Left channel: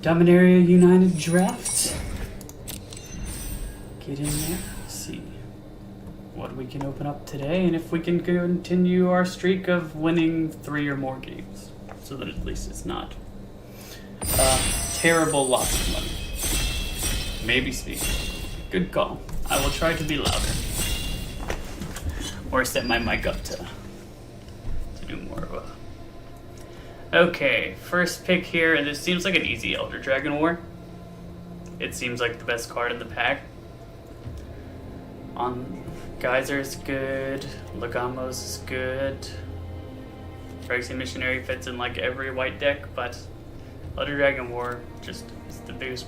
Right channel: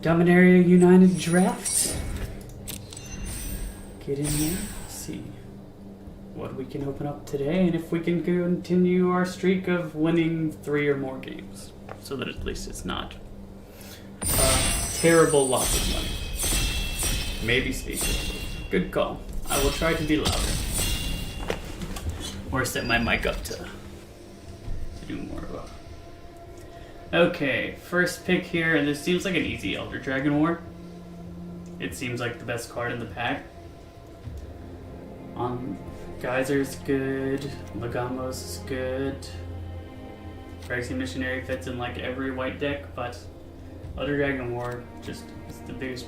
Dominaria United draft. Get in there, see what we can open up today, and if we can continue our streak of winning 3 or more games, so that at least it's not terrible loss of money. Maybe speaking. Good call. I will try to be louder. Or set my mic up to do more of a... Okay, first pick here, and this seems like an easy Elder Dragon War. It seems like the best card in the pack. Geyser's good, Legamo's is good. Phyrexian Missionary fits in like every white deck, but Elder Dragon War just is the biggest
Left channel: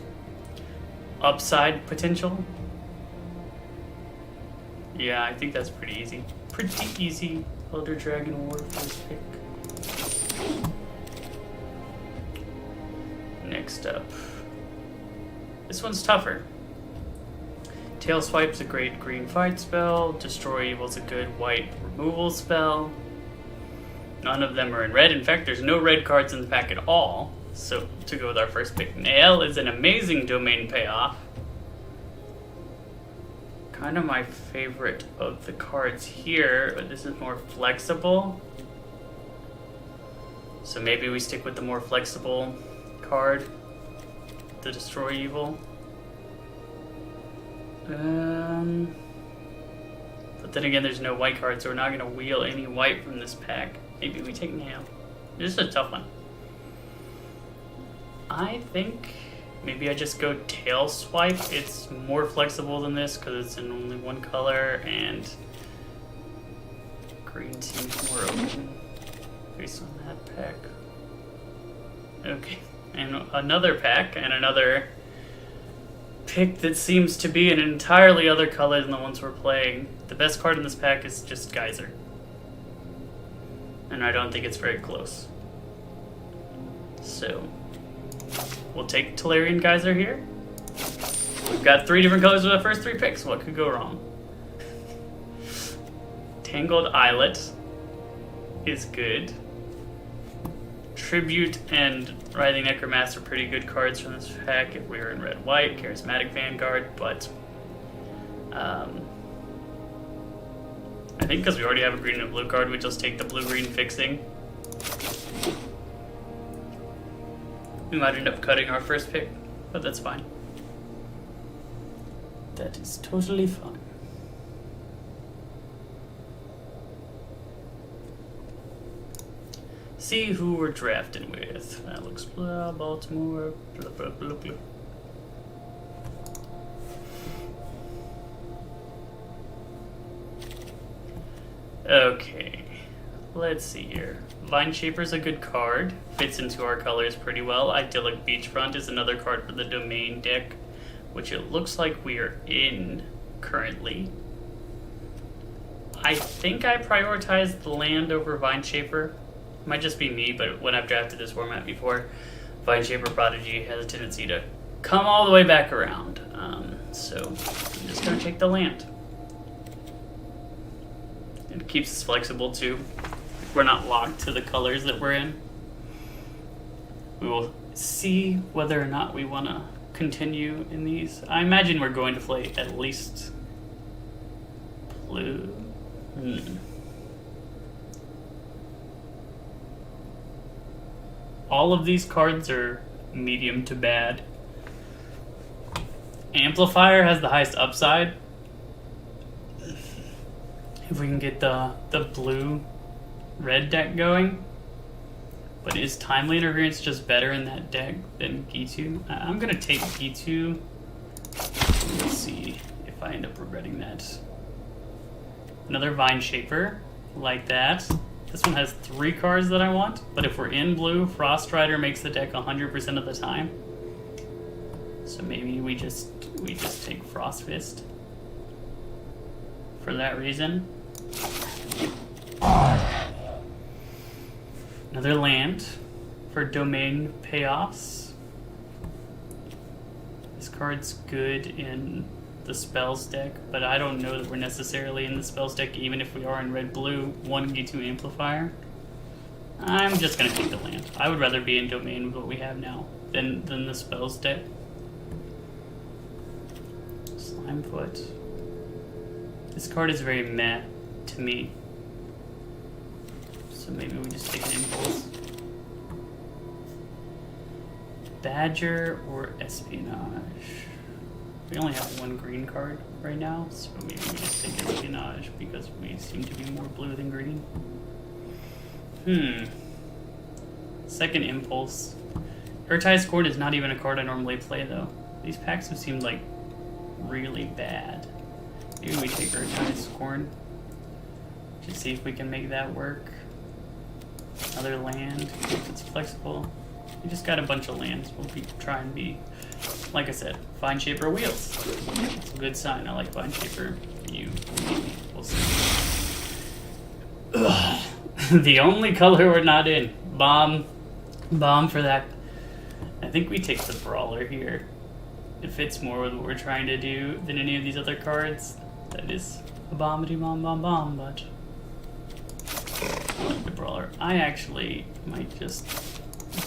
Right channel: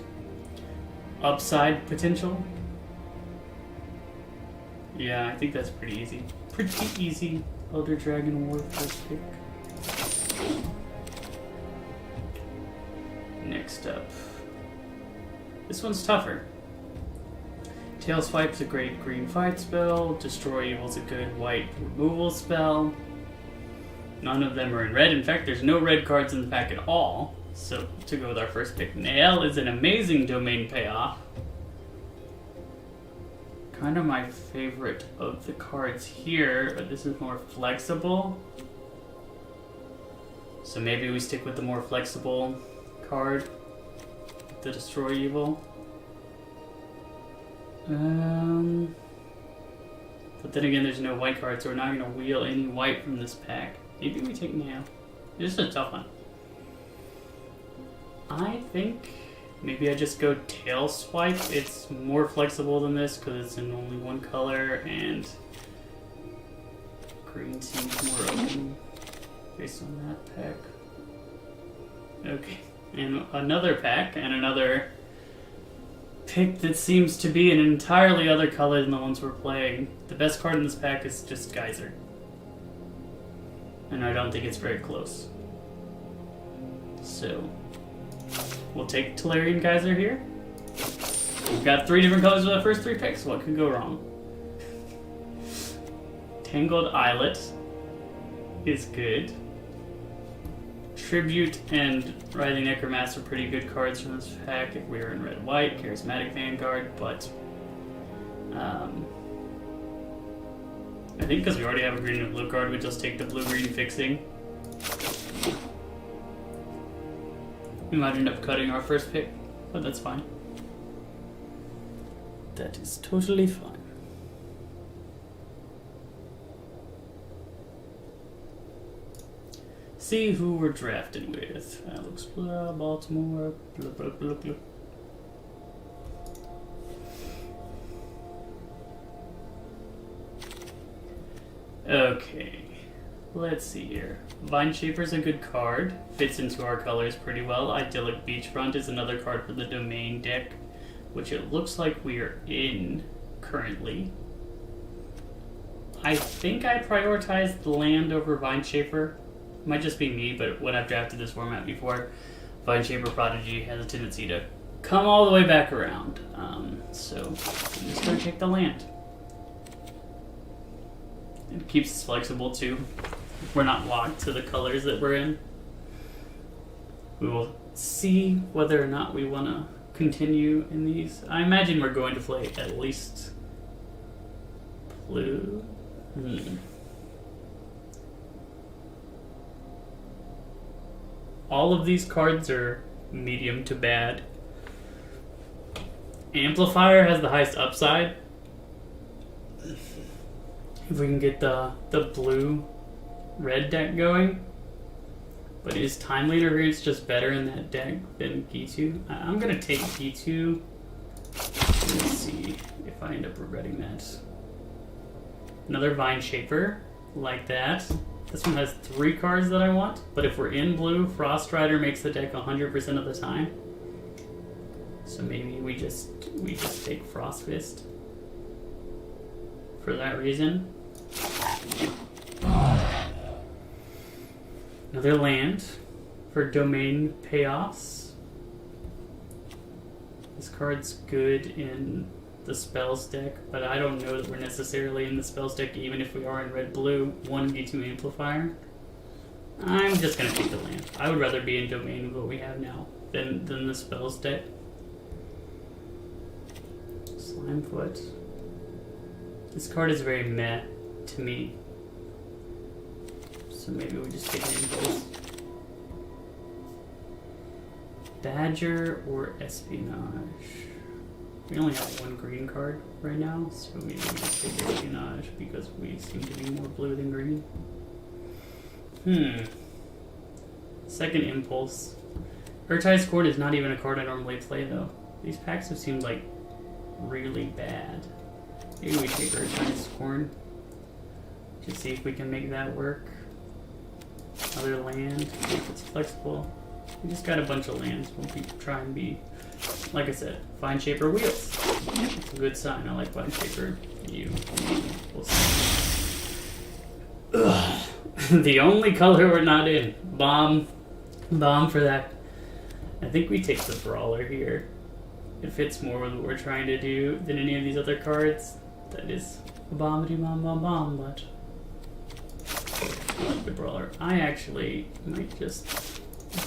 upside potential. Yeah, I think that's pretty easy. Pretty easy Elder Dragon War first pick. Next up. This one's tougher. Tail Swipe's a great green fight spell. Destroy Evil's a good white removal spell. None of them are in red. In fact, there's no red cards in the pack at all. So, to go with our first pick, Nael is an amazing domain payoff. Kind of my favorite of the cards here. This is more flexible. So maybe we stick with the more flexible card. The Destroy Evil. But then again, there's no white card, so we're not going to wheel any white from this pack. Maybe we take Nail. This is a tough one. I think maybe I just go Tail Swipe. It's more flexible than this because it's in only one color, and green seems more open based on that pack. Okay, and another pack, and another pick that seems to be an entirely other color than the ones we're playing. The best card in this pack is just Geyser. And I don't think it's very close. So, we'll take Tolarian Geyser here. We've got 3 different colors in the first 3 picks. What could go wrong? Tangled Islet is good. Tribute and Writhing Necromancer are pretty good cards from this pack if we were in red-white. Charismatic Vanguard, but I think because we already have a green and blue card, we just take the blue-green fixing. We might end up cutting our first pick, but that's fine. That is totally fine. See who we're drafted with. That looks blah, Baltimore, blah, blah, blah, blah. Okay, let's see here. Vine Shaper's a good card. Fits into our colors pretty well. Idyllic Beachfront is another card for the Domain deck, which it looks like we are in currently. I think I prioritized the land over Vine Shaper. Might just be me, but when I've drafted this format before, Vine Shaper Prodigy has a tendency to come all the way back around. So I'm just going to take the land. It keeps us flexible too. We're not locked to the colors that we're in. We will see whether or not we want to continue in these. I imagine we're going to play at least blue. All of these cards are medium to bad. Amplifier has the highest upside. If we can get the blue-red deck going. But is Time Leader Variance just better in that deck than Gitu? I'm going to take Gitu. Let's see if I end up regretting that. Another Vine Shaper, like that. This one has 3 cards that I want, but if we're in blue, Frost Rider makes the deck 100% of the time. So maybe we just take Frost Fist for that reason. Another land for Domain Payoffs. This card's good in the spells deck, but I don't know that we're necessarily in the spells deck even if we are in red-blue. 1 G2 Amplifier. I'm just gonna take the land. I would rather be in domain with what we have now than the spells deck. Slimefoot. This card is very meh to me. So maybe we just take an impulse. Badger or Espionage. We only have one green card right now, so maybe we just take Espionage because we seem to be more blue than green. Second impulse. Urtai's Court is not even a card I normally play though. These packs have seemed like really bad. Maybe we take Urtai's Corn to see if we can make that work. Another land. It's flexible. We just got a bunch of lands. We'll try and be, like I said, Vine Shaper Wheels. It's a good sign. I like Vine Shaper. We'll see. Ugh. The only color we're not in. Bomb for that. I think we take the Brawler here. It fits more with what we're trying to do than any of these other cards. That is a bomb, but I like the Brawler. I actually might just...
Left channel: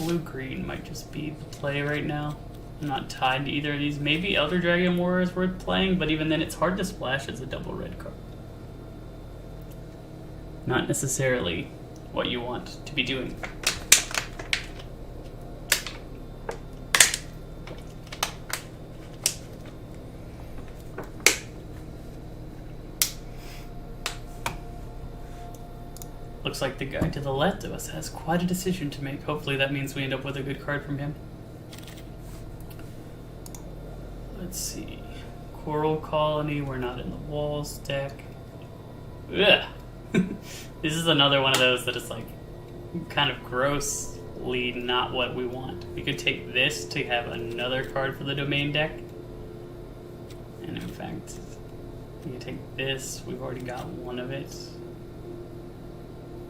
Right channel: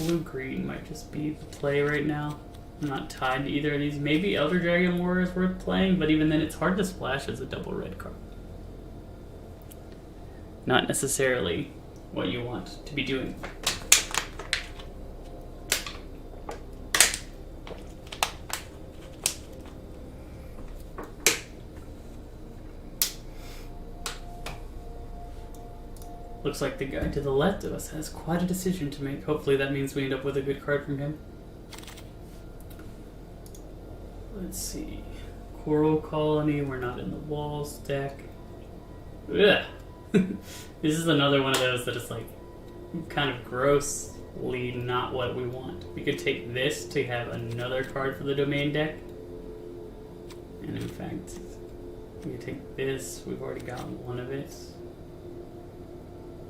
Blue-green might just be the play right now. I'm not tied to either of these. Maybe Elder Dragon War is worth playing, but even then it's hard to splash as a double red card. Not necessarily what you want to be doing. Looks like the guy to the left of us has quite a decision to make. Hopefully that means we end up with a good card from him. Let's see. Coral Colony, we're not in the walls deck. Ugh. This is another one of those that is like kind of grossly not what we want. We could take this to have another card for the domain deck. And in fact, we could take this. We've already got one of it.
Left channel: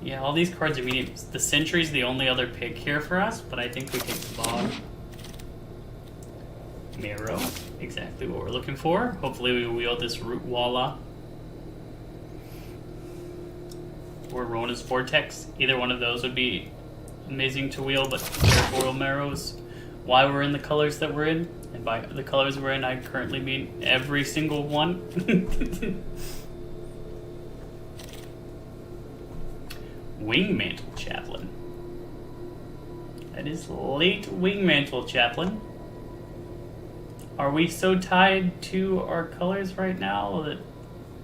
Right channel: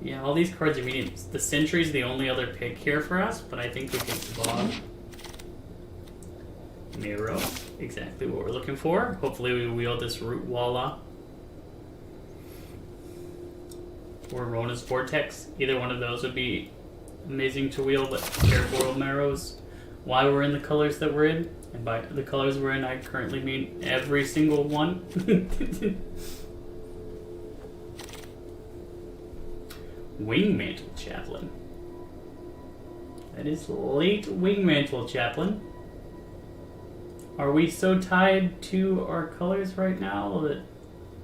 Yeah, all these cards are medium. The Sentry's the only other pick here for us, but I think we take Fog. Miro, exactly what we're looking for. Hopefully we wield this Root Walla. Or Rona's Vortex. Either one of those would be amazing to wield, but Portal Marrow's why we're in the colors that we're in. And by the colors we're in, I currently mean every single one. Wingmantle Chaplain. That is late Wingmantle Chaplain. Are we so tied to our colors right now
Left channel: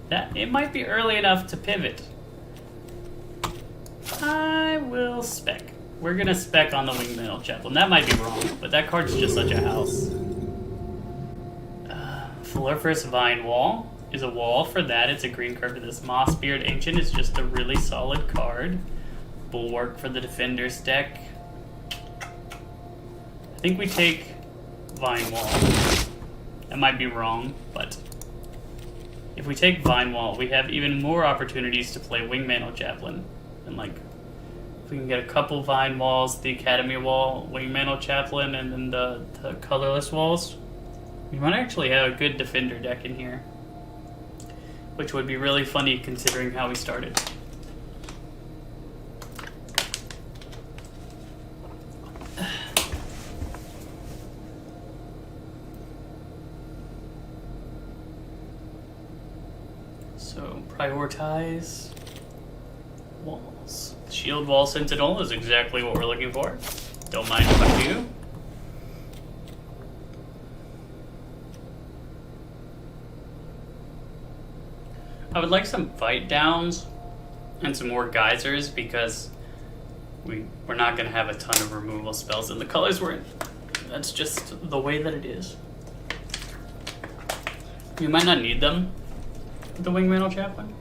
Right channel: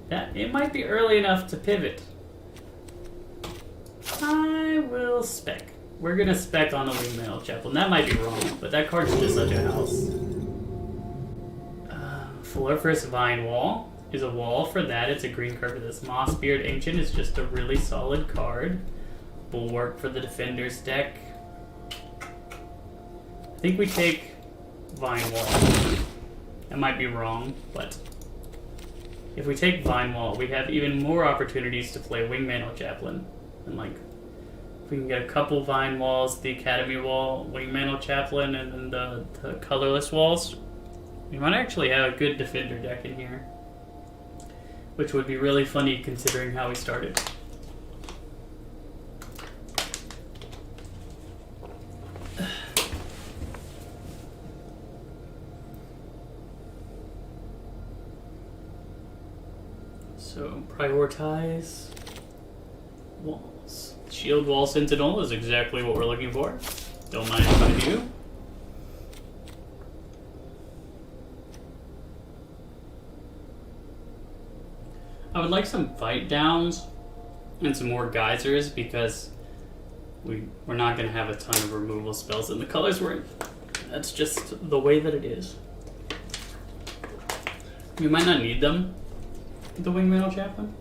that it might be early enough to pivot? I will spec. We're gonna spec on the Wingmantle Chaplain. That might be wrong, but that card's just such a house. Floriferous Vine Wall is a wall for that. It's a green card for this. Mossbeard Ancient is just a really solid card. Bulwark for the Defenders deck. I think we take Vine Wall. That might be wrong, but if we take Vine Wall, we have even more opportunities to play Wingmantle Chaplain. And like, if we can get a couple Vine Walls, the Academy Wall, Wingmantle Chaplain, and then the colorless walls, we might actually have a good Defender deck in here. Which would be really funny considering how we started. So, prioritize walls. Shield Wall Sentinel is exactly what we're looking for. Don't mind about you. I would like some fight downs and some more geysers because we're not going to have a ton of removal spells in the colors we're in. That's just the way that it is. We might not need them with the Wingmantle Chaplain,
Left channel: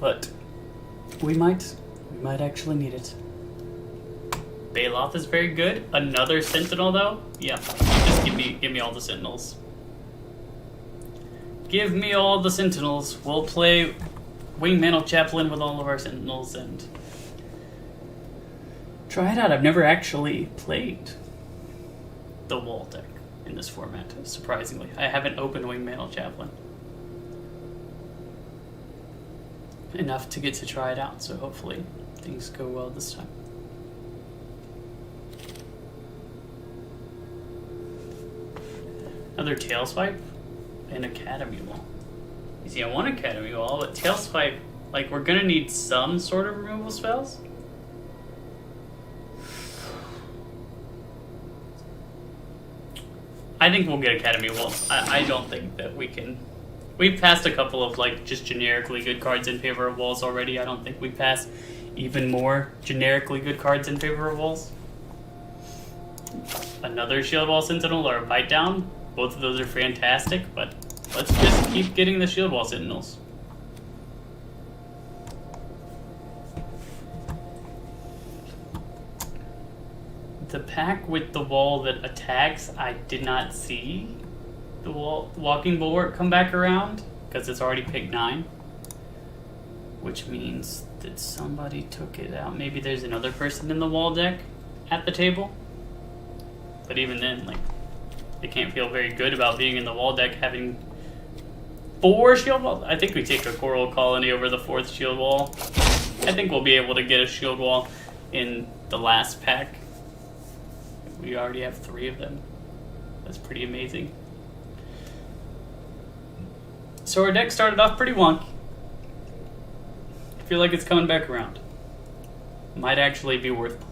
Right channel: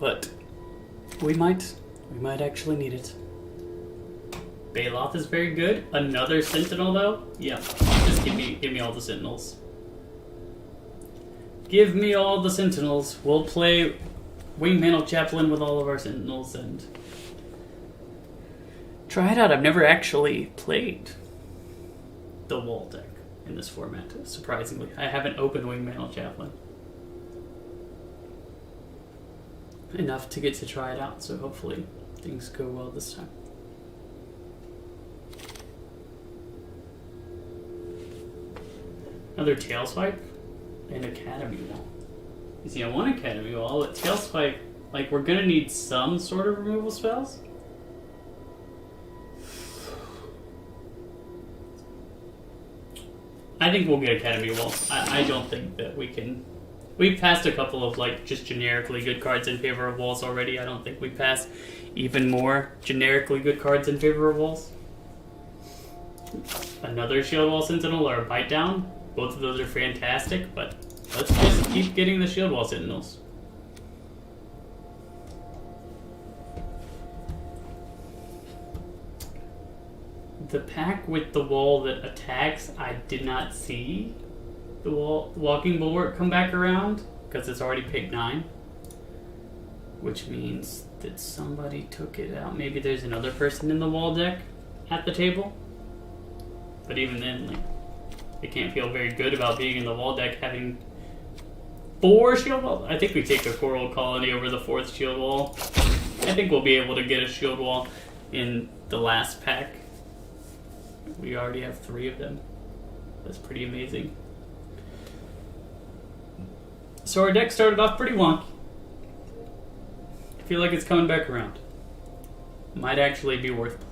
but we might actually need it. Baloth is very good. Another Sentinel though? Yeah, just give me all the Sentinels. Give me all the Sentinels. We'll play Wingmantle Chaplain with all of our Sentinels and try it out. I've never actually played the wall deck in this format, surprisingly. I haven't opened Wingmantle Chaplain. enough to get to try it out, so hopefully things go well this time. Another tail swipe and Academy Wall. You see, I want Academy Wall, but tail swipe, like, we're gonna need some sort of removal spells. I think we'll get Academy Wall. I don't think that we can. We've passed a couple of, like, just generically good cards in favor of walls already. I don't think we pass even more generically good cards in favor of walls. Another Shield Wall Sentinel or a Bite Down. Both of those are fantastic, but let's just keep getting the Shield Wall Sentinels. The pack with the wall that attacks, I did not see the Walking Bulwark come back around because it's already picked 9, which means that somebody took it out. Maybe there's another person in the wall deck at the table, but even then, like, I can't feel very good about being in the wall deck having 4 shield walls. I think we take a Coral Colony over the 4th shield wall. I think we'll be able to get a shield wall in the last pack. We already have 3 of them. That's pretty amazing. So our deck started off pretty wonky. I feel like it's coming back around. Might actually be worth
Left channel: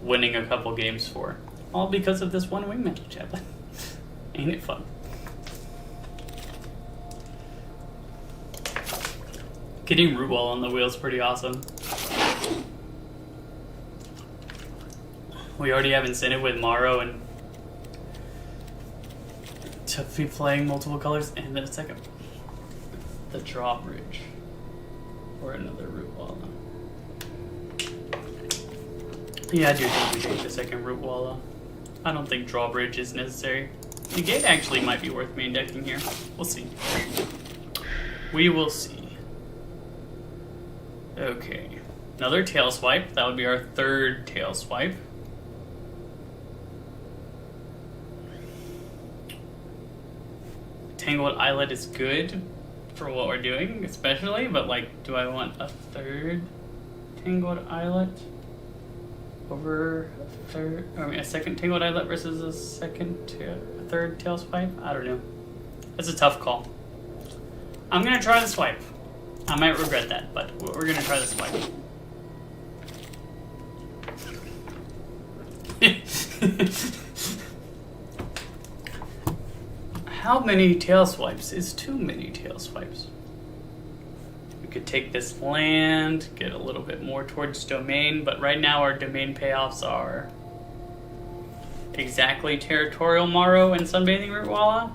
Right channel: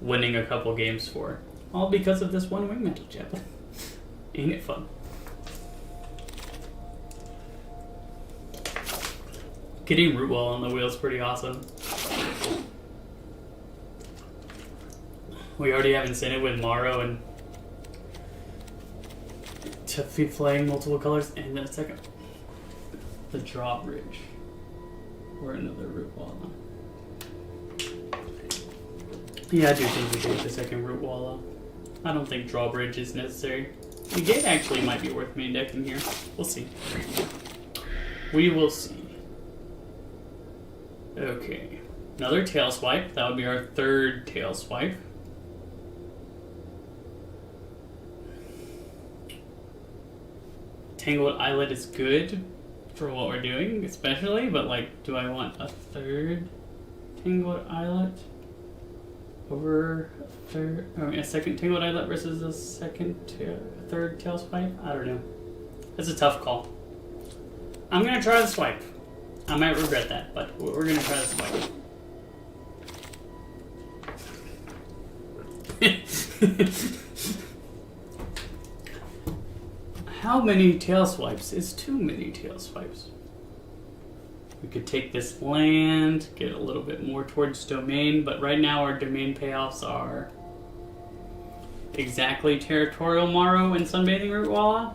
winning a couple games for. All because of this one Wingmantle Chaplain. Ain't it fun? Getting Root Wall on the wheel is pretty awesome. We already have incentive with Morrow and to be playing multiple colors, and then a second, the Drawbridge or another Root Wall. Yeah, I do think we take the second Root Wall. I don't think Drawbridge is necessary. The Gate actually might be worth main decking here. We'll see. We will see. Okay, another Tail Swipe. That would be our 3rd Tail Swipe. Tangled Islet is good for what we're doing, especially, but, like, do I want a 3rd Tangled Islet over a second Tangled Islet versus a 3rd Tail Swipe? I don't know. It's a tough call. I'm gonna try the swipe. I might regret that, but we're gonna try the swipe. How many tail swipes is too many tail swipes? We could take this land, get a little bit more towards domain, but right now our domain payoffs are exactly Territorial Morrow and Sunbathing Root Walla,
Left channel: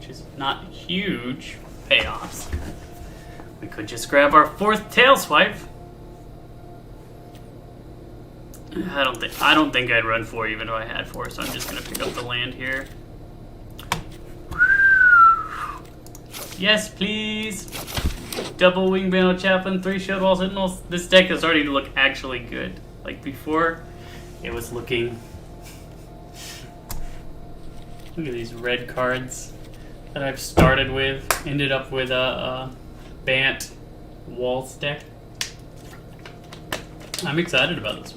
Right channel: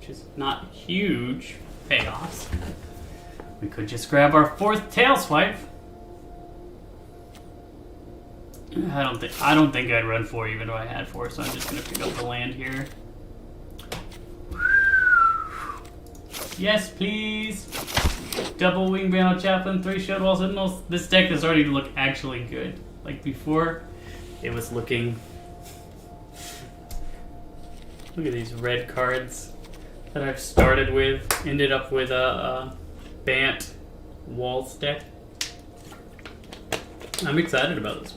which is not huge payoffs. We could just grab our 4th tail swipe. I don't think I'd run 4 even though I had 4, so I'm just gonna pick up the land here. Yes, please. Double Wingmantle Chaplain, 3 Shield Wall Sentinels. This deck is starting to look actually good. Like before, it was looking. Look at these red cards that I've started with. Ended up with a Bant Walls deck. I'm excited about this.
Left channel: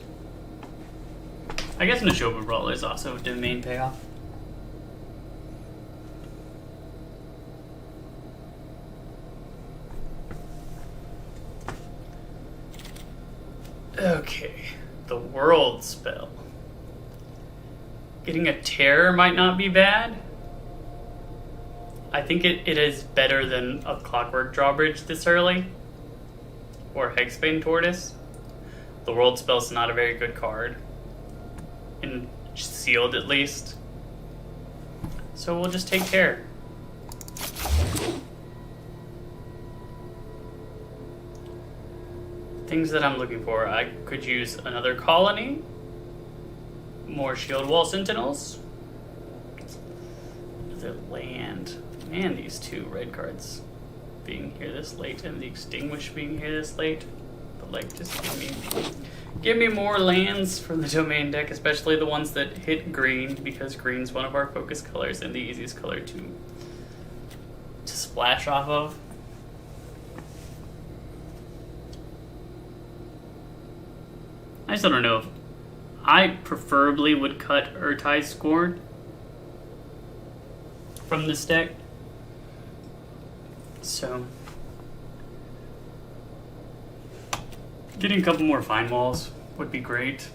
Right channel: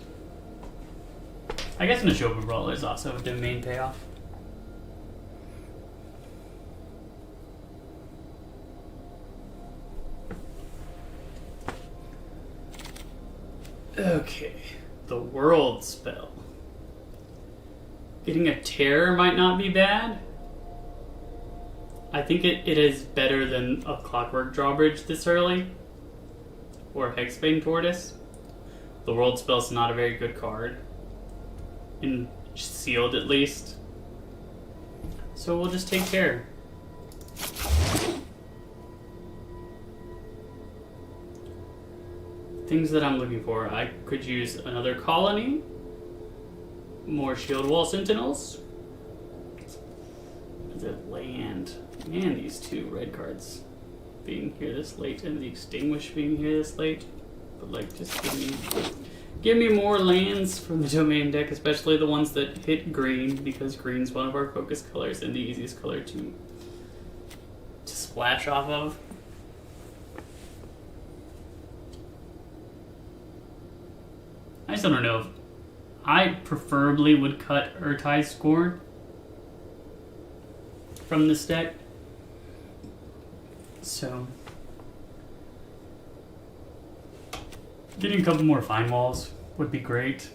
I guess Neshoba Brawler is also a domain payoff. Okay, the World spell. Getting a Terror might not be bad. I think it is better than a Clockwork Drawbridge this early. Or Hexbane Tortoise. The World spell's not a very good card. And sealed at least. So we'll just take Terror. Things that I'm looking for. I could use another colony. More Shield Wall Sentinels. The land. Man, these 2 red cards being here this late and the Extinguish being here this late. But, like, just give me more lands from the domain deck, especially the ones that hit green, because green's one of our focus colors and the easiest color to splash off of. I still don't know if I preferably would cut Urtai's Scorn from this deck. So getting a couple more Fine Walls would be great.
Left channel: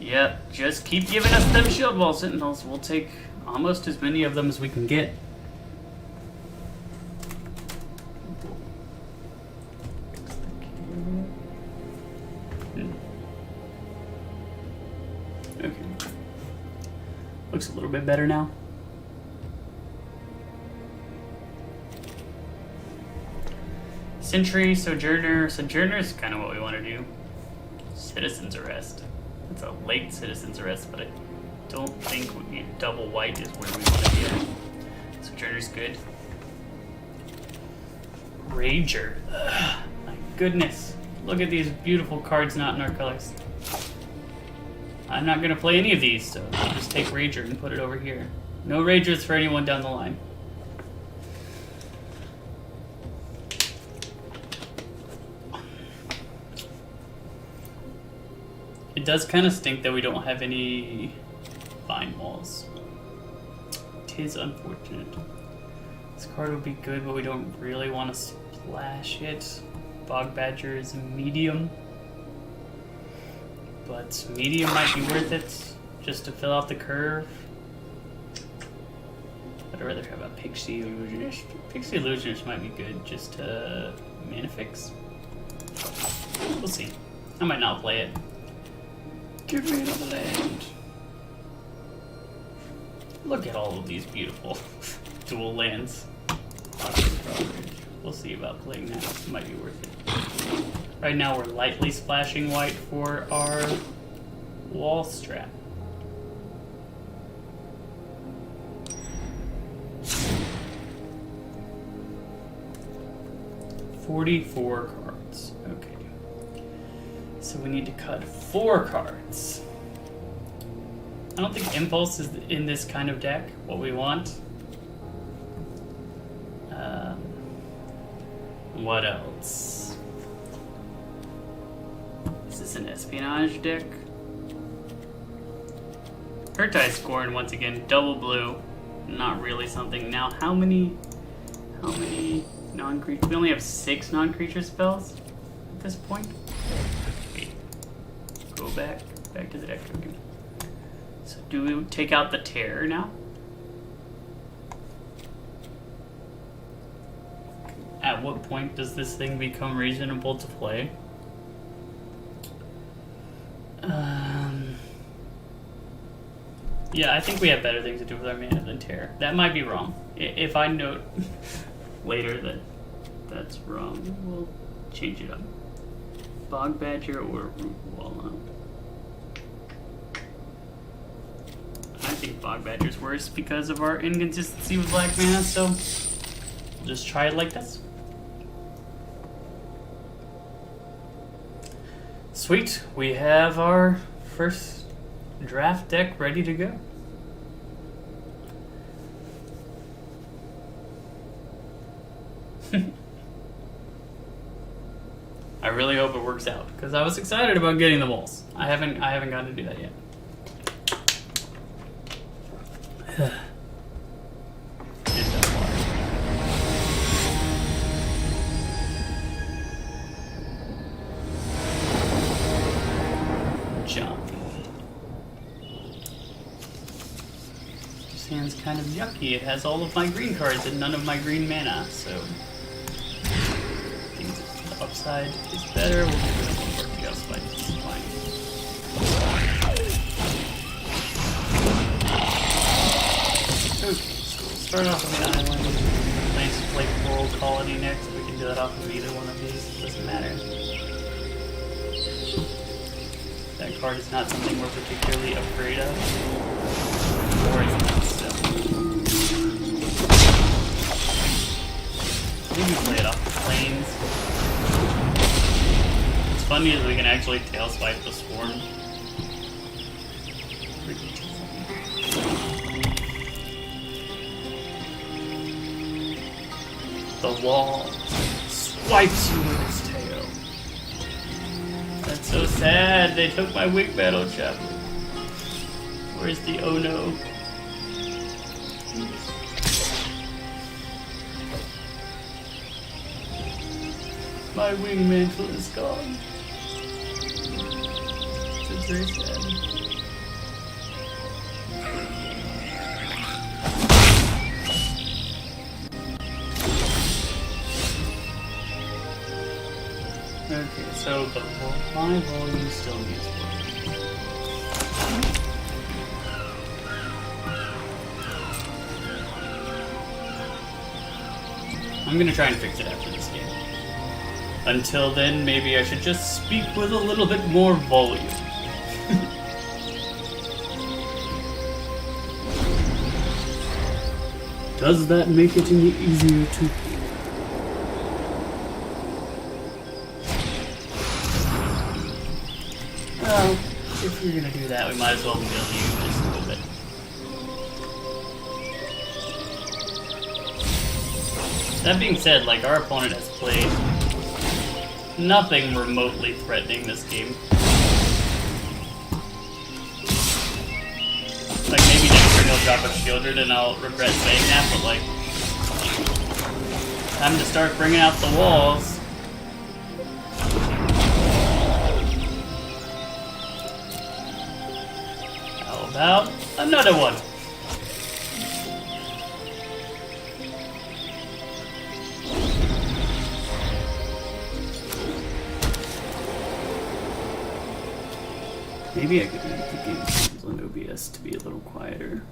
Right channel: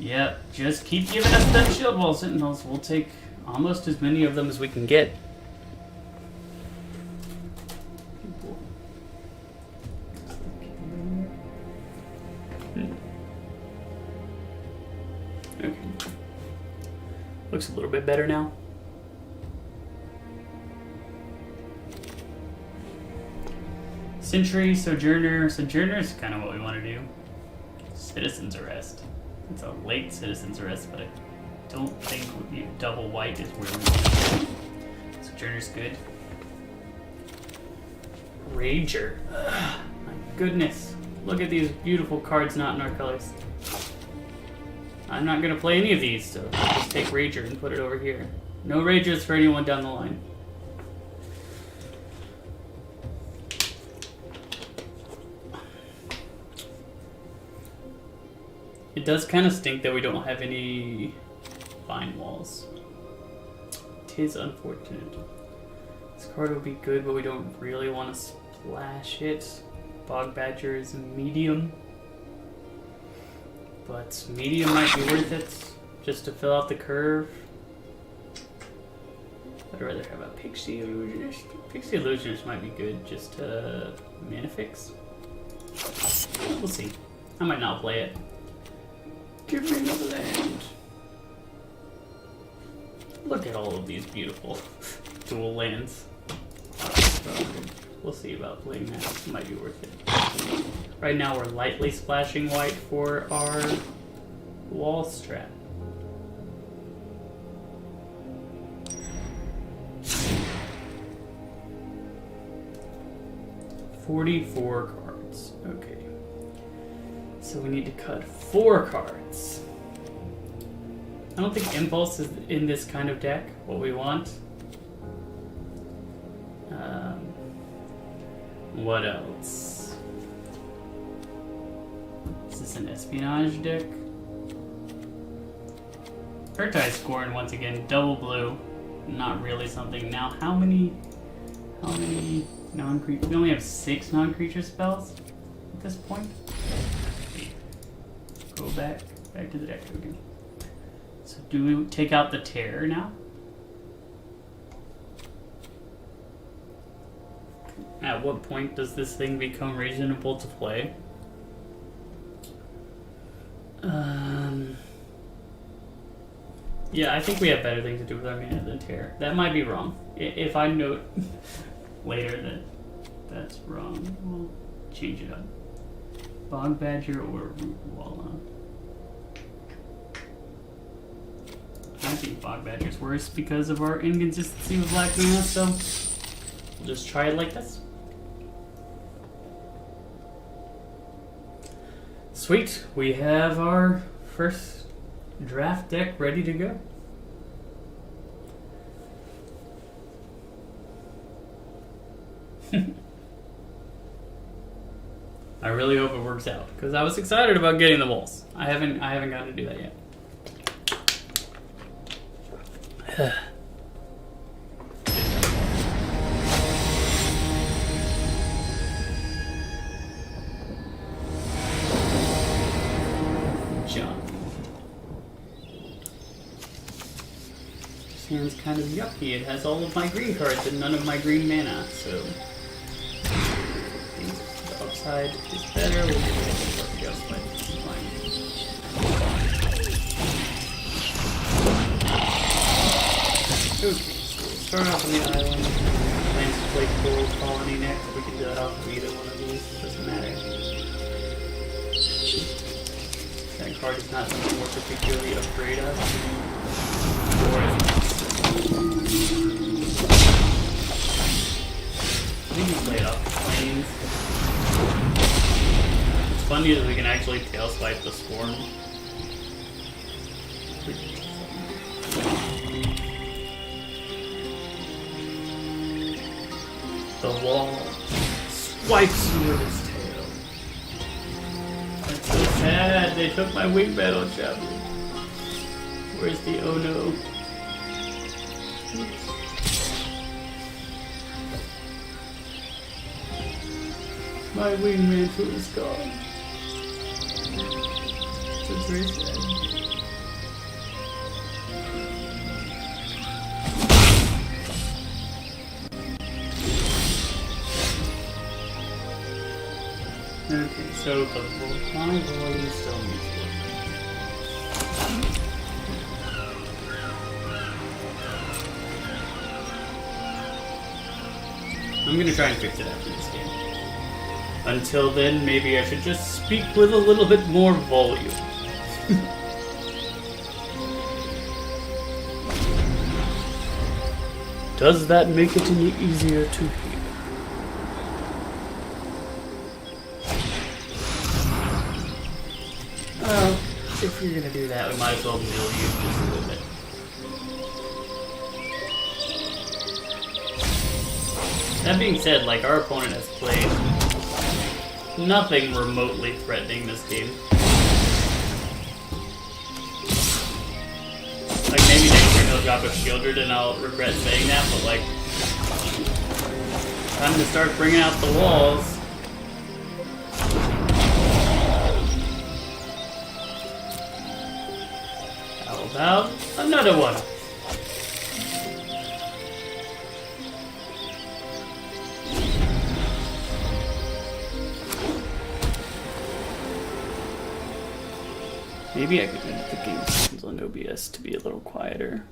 Yep, just keep giving us them Shield Wall Sentinels. We'll take almost as many of them as we can get. Okay. Looks a little bit better now. Sentry, Sojourner. Sojourner is kind of what we want to do. Citizen's Arrest. It's a late Citizen's Arrest, but I don't think double white is where we want to. Sojourner's good. Rager. Ugh, my goodness. Look at these beautiful cards not in our colors. I'm not going to play any of these, so I'll just take Rager and put it over here. No Ragers for anyone down the line. It does kind of stink that we don't have any Fine Walls. Tis unfortunate. This card would be good, but we don't really want to splash it. Bog Badger is a medium. But medium might be worth it, just to fill out the curve. I'd rather have a Pixie Illusionist. Pixie Illusionist might be good, just to mana fix. We'll see. I might not play it. Give me the land. Look at all of these beautiful dual lands. We'll see about playing that. It might be worth it. Right now we're lightly splashing white for our wall strap. $44 cards. Okay. So we need to cut 4 cards. I don't think Impulse is in this kind of deck what we want. What else? Is this an Espionage deck? Urtai's Scorn once again, double blue. Not really something. Now how many non-creature? We only have 6 non-creature spells at this point. Go back to the deck again. So do we take out the Terror now? At what point does this thing become reasonable to play? Yeah, I think we have better things to do with our mana than Terror. That might be wrong. If I note later that that's wrong, we'll change it up. Bog Badger or Root Wall, I think Bog Badger's worse because of our inconsistency with black mana, so just try it like this. Sweet, we have our first draft deck ready to go. I really hope it works out because I was excited about getting the moles. I haven't gotten to do that yet. This hand's kind of yucky. It has all of my green cards and none of my green mana, so the upside is better. We'll do the upside. Fine. Okay, so we'll start off on the island. Plans to play Coral Colony next. We can do that off of either one of these. Doesn't matter. That card is not something we're particularly afraid of. Play it off the plains. What's funny is we can actually tail swipe the Swarm. The wall swipes through his tail. They took my wing battle chap. Where's the oh no? My wing mantle is gone. It's very sad. Okay, so my volley still needs I'm gonna try and fix it after this game. Until then, maybe I should just speak with a little bit more volume. Does that make it any easier to hear? Well, if we're gonna do that, we might as well build you just a little bit. That being said, like, our opponent has played nothing remotely threatening this game. Like, maybe next turn he'll drop a Shieldred and I'll regret saying that, but like, time to start bringing out the walls. How about another one? Maybe I could edit the game settings on OBS to be a little quieter.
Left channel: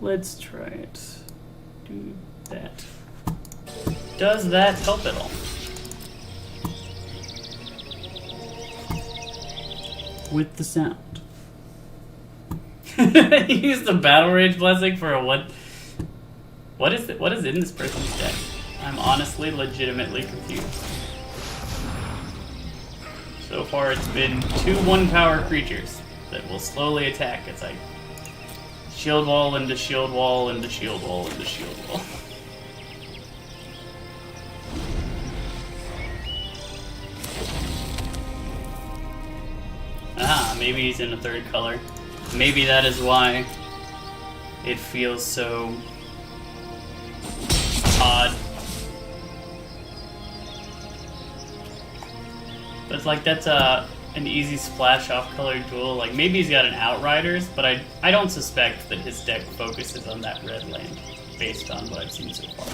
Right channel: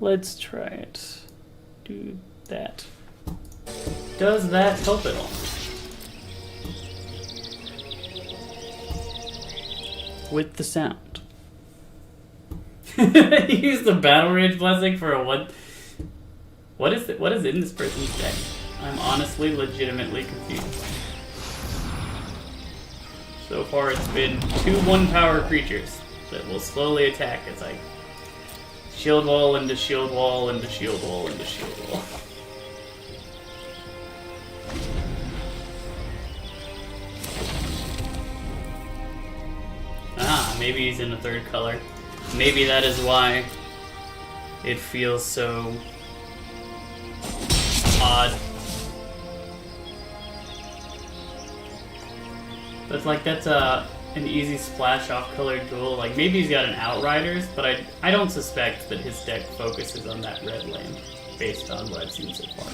Let's try it. Do that. Does that help at all? With the sound. Use the Battle Rage Blessing for a what? What is it? What is in this person's deck? I'm honestly, legitimately confused. So far it's been 2 1-power creatures that will slowly attack as I shield wall into shield wall into shield wall into shield wall. Ah, maybe he's in a 3rd color. Maybe that is why it feels so odd. But it's like that's an easy splash off colored duel. Like maybe he's got an Outriders, but I don't suspect that his deck focuses on that red land based on what I've seen so far.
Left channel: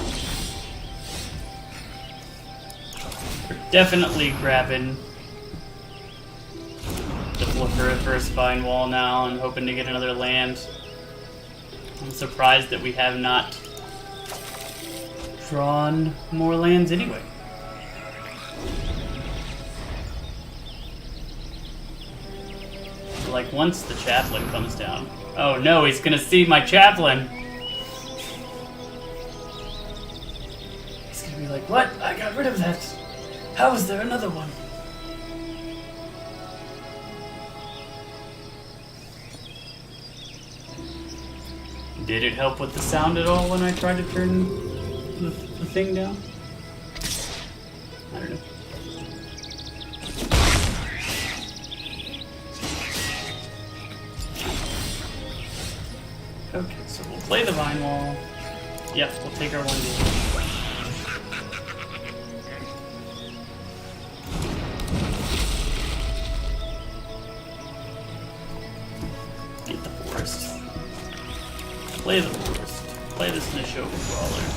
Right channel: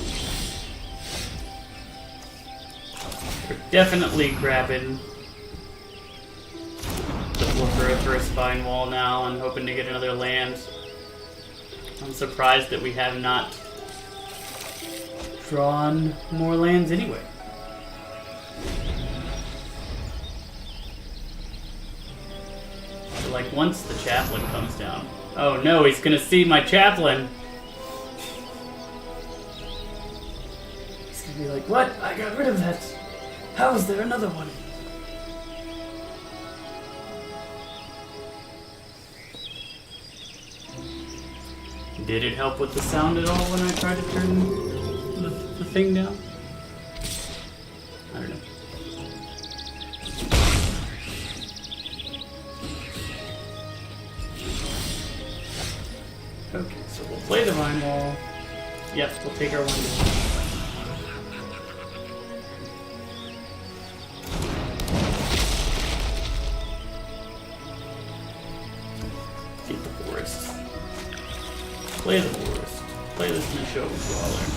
We're definitely grabbing for a first Vine Wall now and hoping to get another land. I'm surprised that we have not drawn more lands anyway. Like, once the chaplain comes down... Oh no, he's gonna see my chaplain! He's gonna be like, what? I got rid of that! How is there another one? Did it help with the sound at all when I tried to turn the thing down? I don't know. Okay, so we'll play the Vine Wall. Yep, we'll take our one. Get the forest. Play the forest. Play this to show Brawler.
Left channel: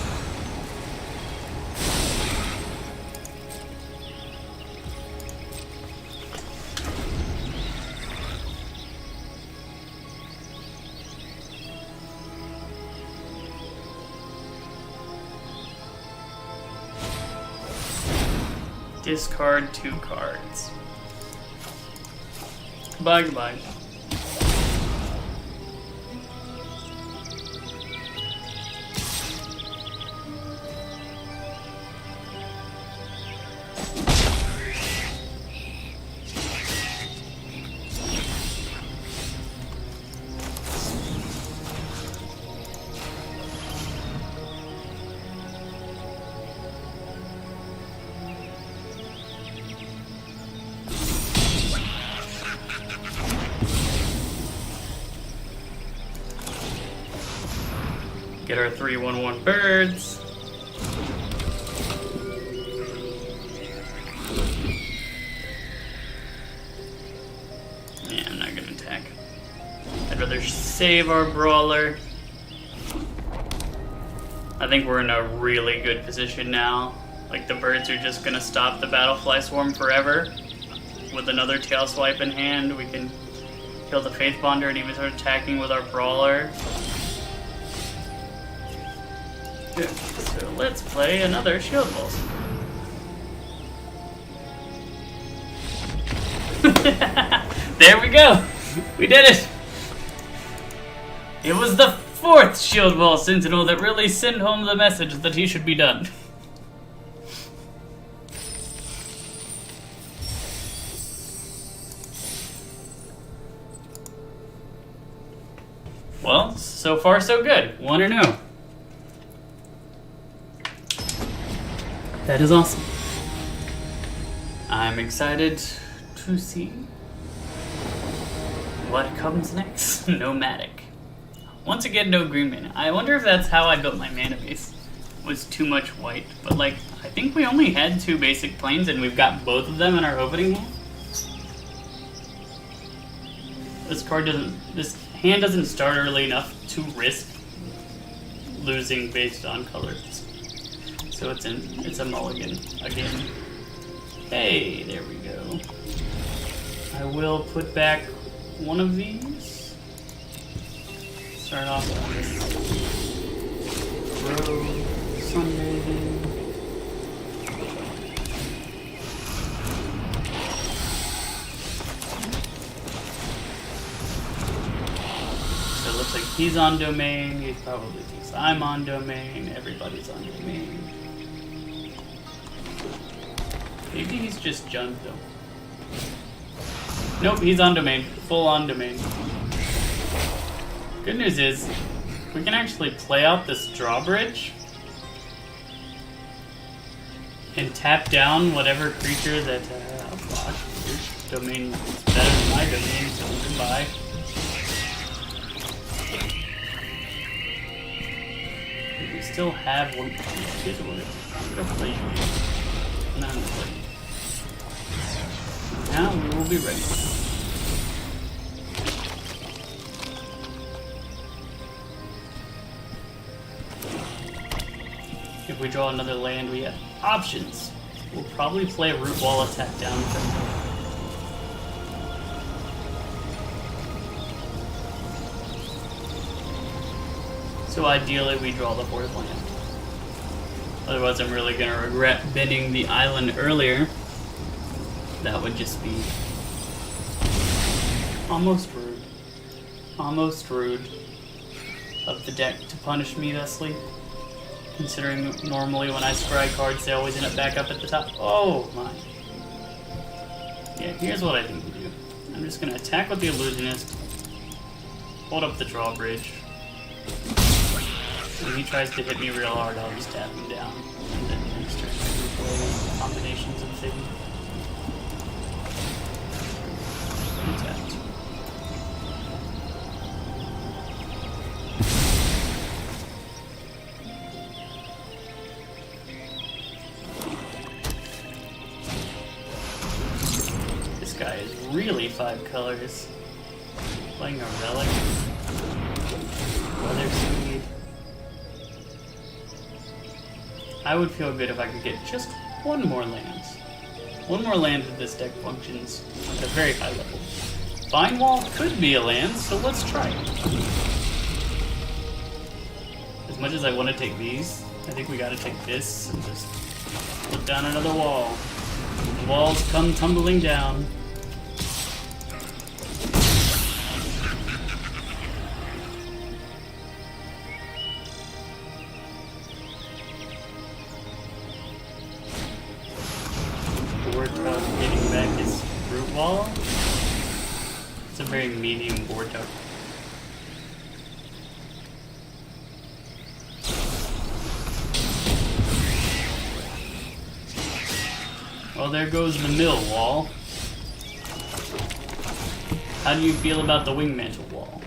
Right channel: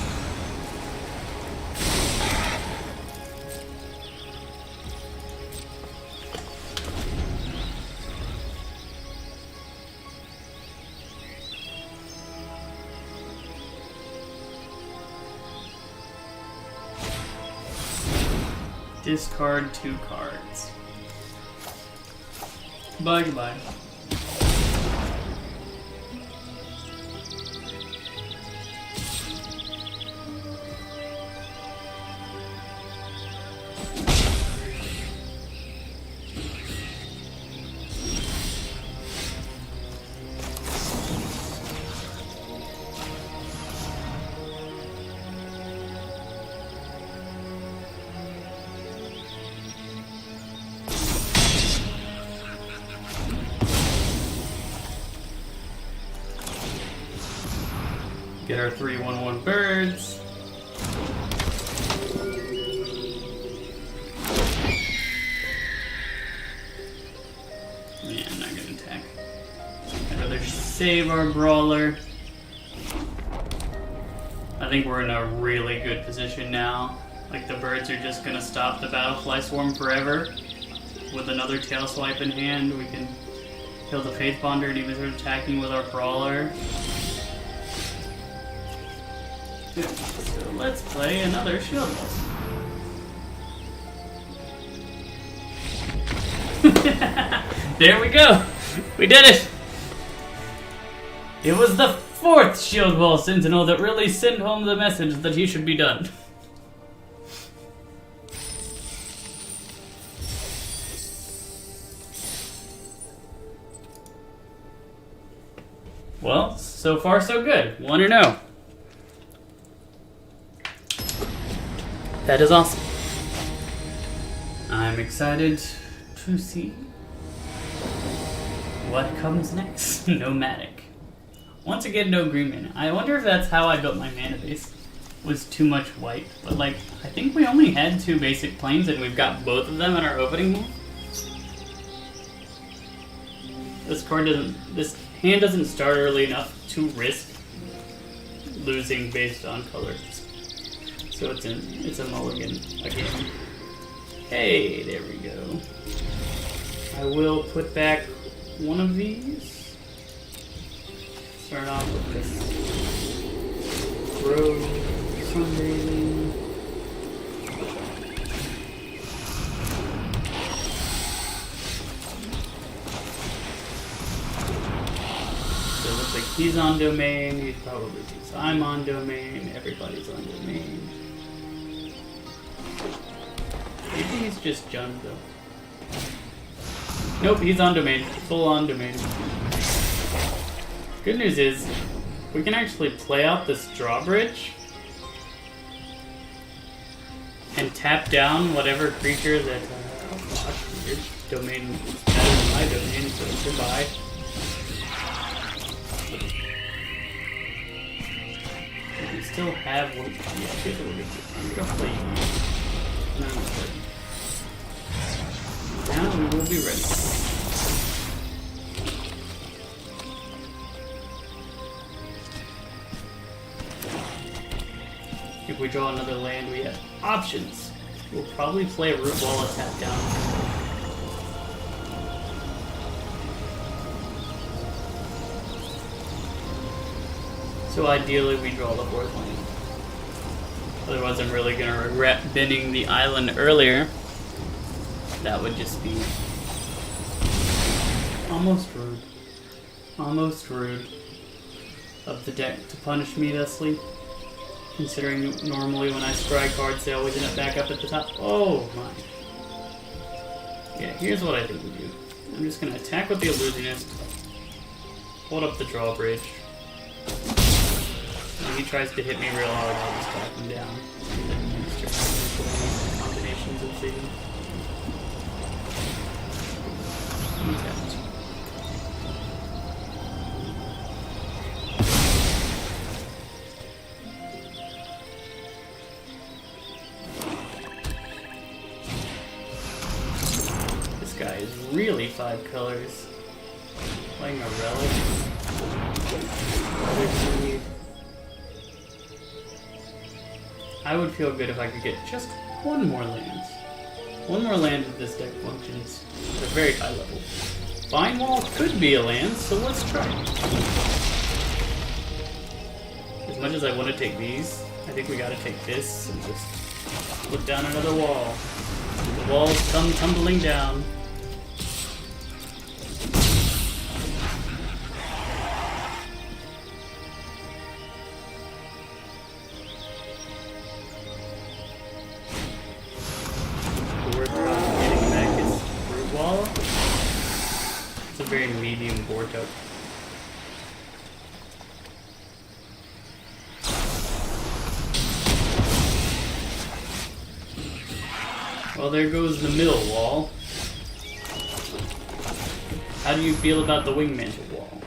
Discard 2 cards. Goodbye, goodbye. our 3/1/1 birds. Yeah, I'm not gonna attack. I'd rather save our brawler. I think we're in a really good position now. Like, the birds are just gonna stop the Battlefly Swarm forever. With another tail swipe in hand, we can kill the Faith Bonder and even start attacking with our brawler. Good. So let's play another Shield Wall. There we go! We did it! It was the 4th Shield Wall Sentinel that really sent home the message that he should be done. Well, so far so good. 1-0. That is awesome. I'm excited to see what comes next. Nomadic. Once again, no green mana. I wonder if that's how I built my mana base. Was too much white. But like, I think we only had 2 basic planes and we've got both of them in our opening move. This hand doesn't start early enough to risk losing based on colors. So it's a mulligan again. Hey, there we go. I will put back one of these. Start off with Rose Sunday. So it looks like he's on domain, he probably thinks I'm on domain, everybody's on domain. Maybe he's just jumped though. Nope, he's on domain. Full on domain. Good news is, we can actually play out this drawbridge and tap down whatever creature that, oh gosh, your domain is better than my domain, so goodbye. We still have one. Now we will be ready. If we draw another land, we have options. We'll probably play a Root Wall attack down. So ideally we draw the 4th land. Otherwise I'm really going to regret bidding the island earlier. That would just be almost rude of the deck to punish me thusly, considering normally when I scry cards they always end up back up at the top. Oh my. Yeah, here's what I think we do. I'm just going to attack with the Illusionist, hold up the drawbridge. When he tries to hit me real hard, I'll just tap him down. And then start combinations of things. This guy is really 5 colors. Playing a relic. I would feel good if I could get just one more land. One more land if this deck functions at a very high level. Vine Wall could be a land, so let's try it. As much as I want to take these, I think we gotta take this and just put down another wall. The walls come tumbling down. Very medium board token. Well, there goes the middle wall. How do you feel about the Wingmantle wall?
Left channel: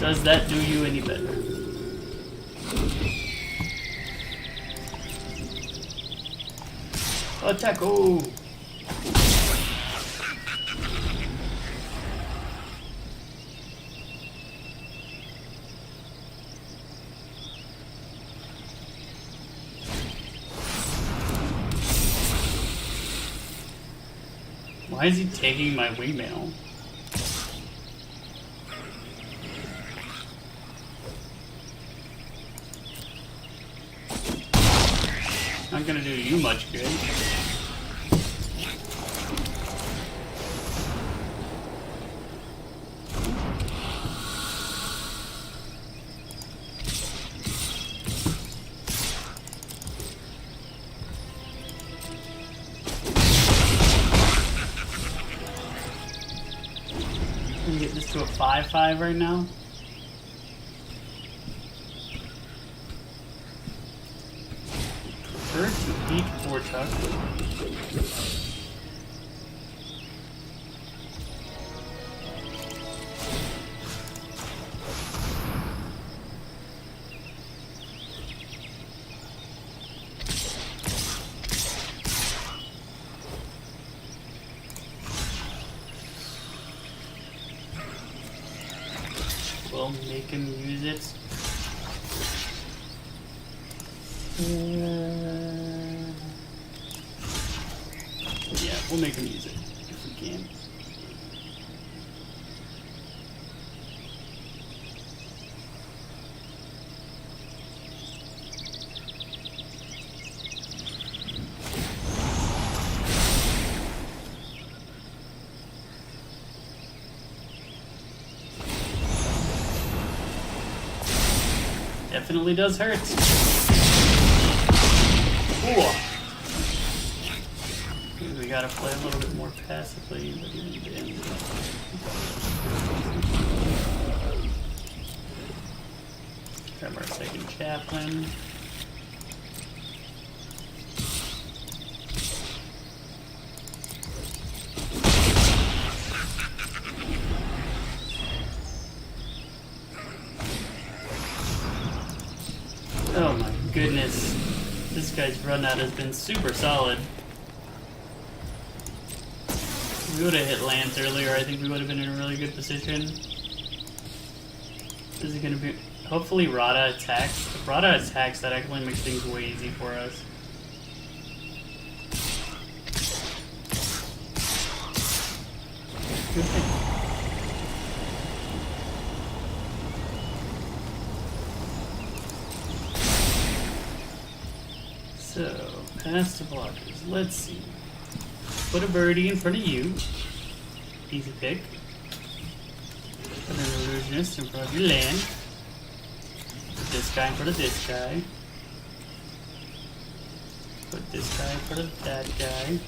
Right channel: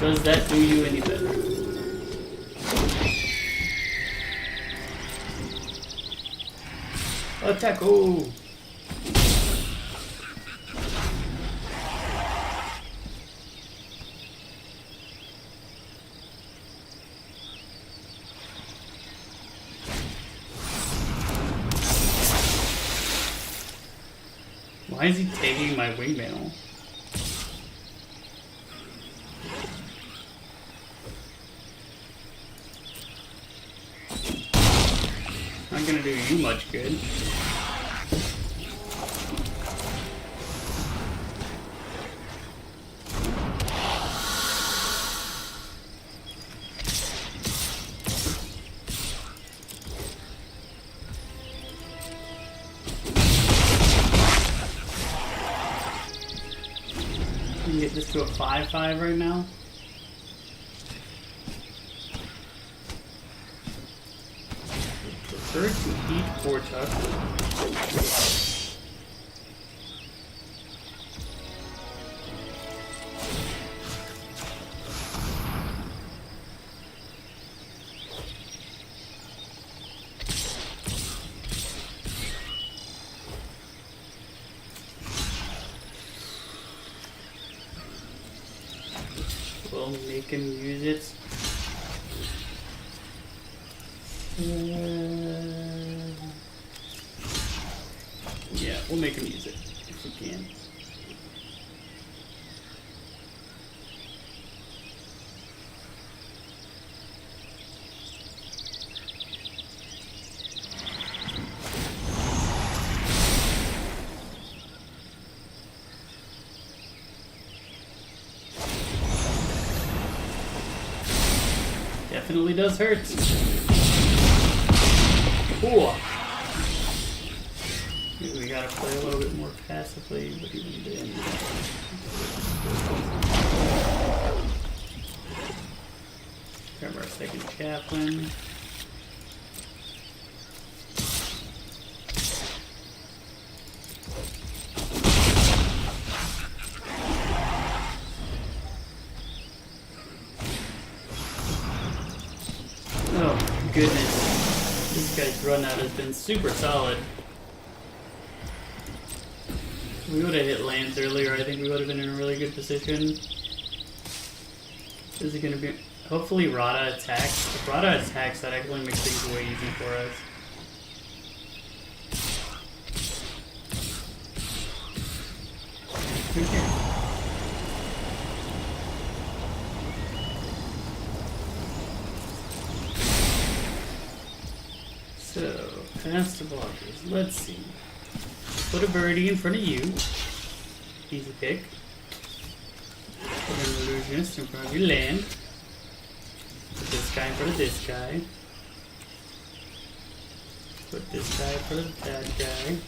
Does that do you any better? Attack! Oh! Why is he taking my windmill? Not gonna do you much good. Get this to a 5-5 right now. First, eat 4 chuck. We'll make him use it. Yeah, we'll make him use it if we can. Definitely does hurt. Ooh. Maybe we gotta play a little bit more passively, but even then. Grab our second chaplain. Goodness, this guy's run out has been super solid. If we would have hit lands earlier, I think we would have been in a really good position. Is it going to be... Hopefully Rada attacks. If Rada attacks, that actually makes things way easy for us. So, past the blockers. Let's see. Put a birdie in front of you. Easy pick. Put an illusionist in front of your land. This guy in front of this guy. Put this guy in front of that guy.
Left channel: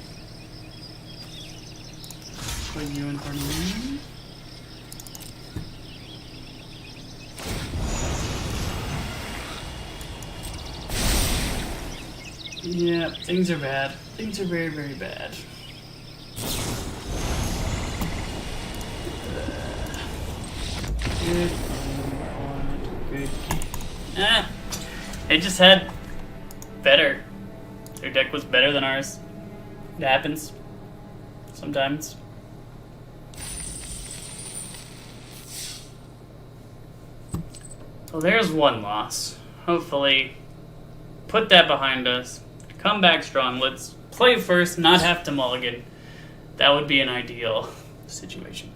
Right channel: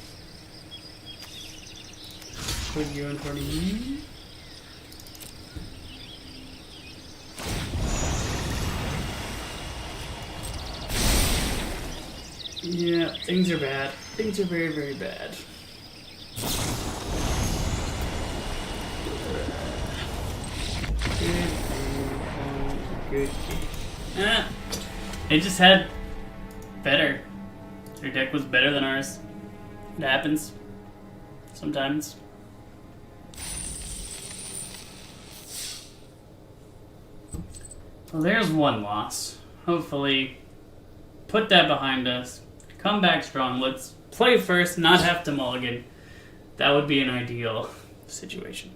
Put you in front of me. Yeah, things are bad. Things are very, very bad. Good. They just had better. Their deck was better than ours. It happens. Sometimes. Well, there's one loss. Hopefully, put that behind us. Come back strong. Let's play first, not have to mulligan. That would be an ideal situation.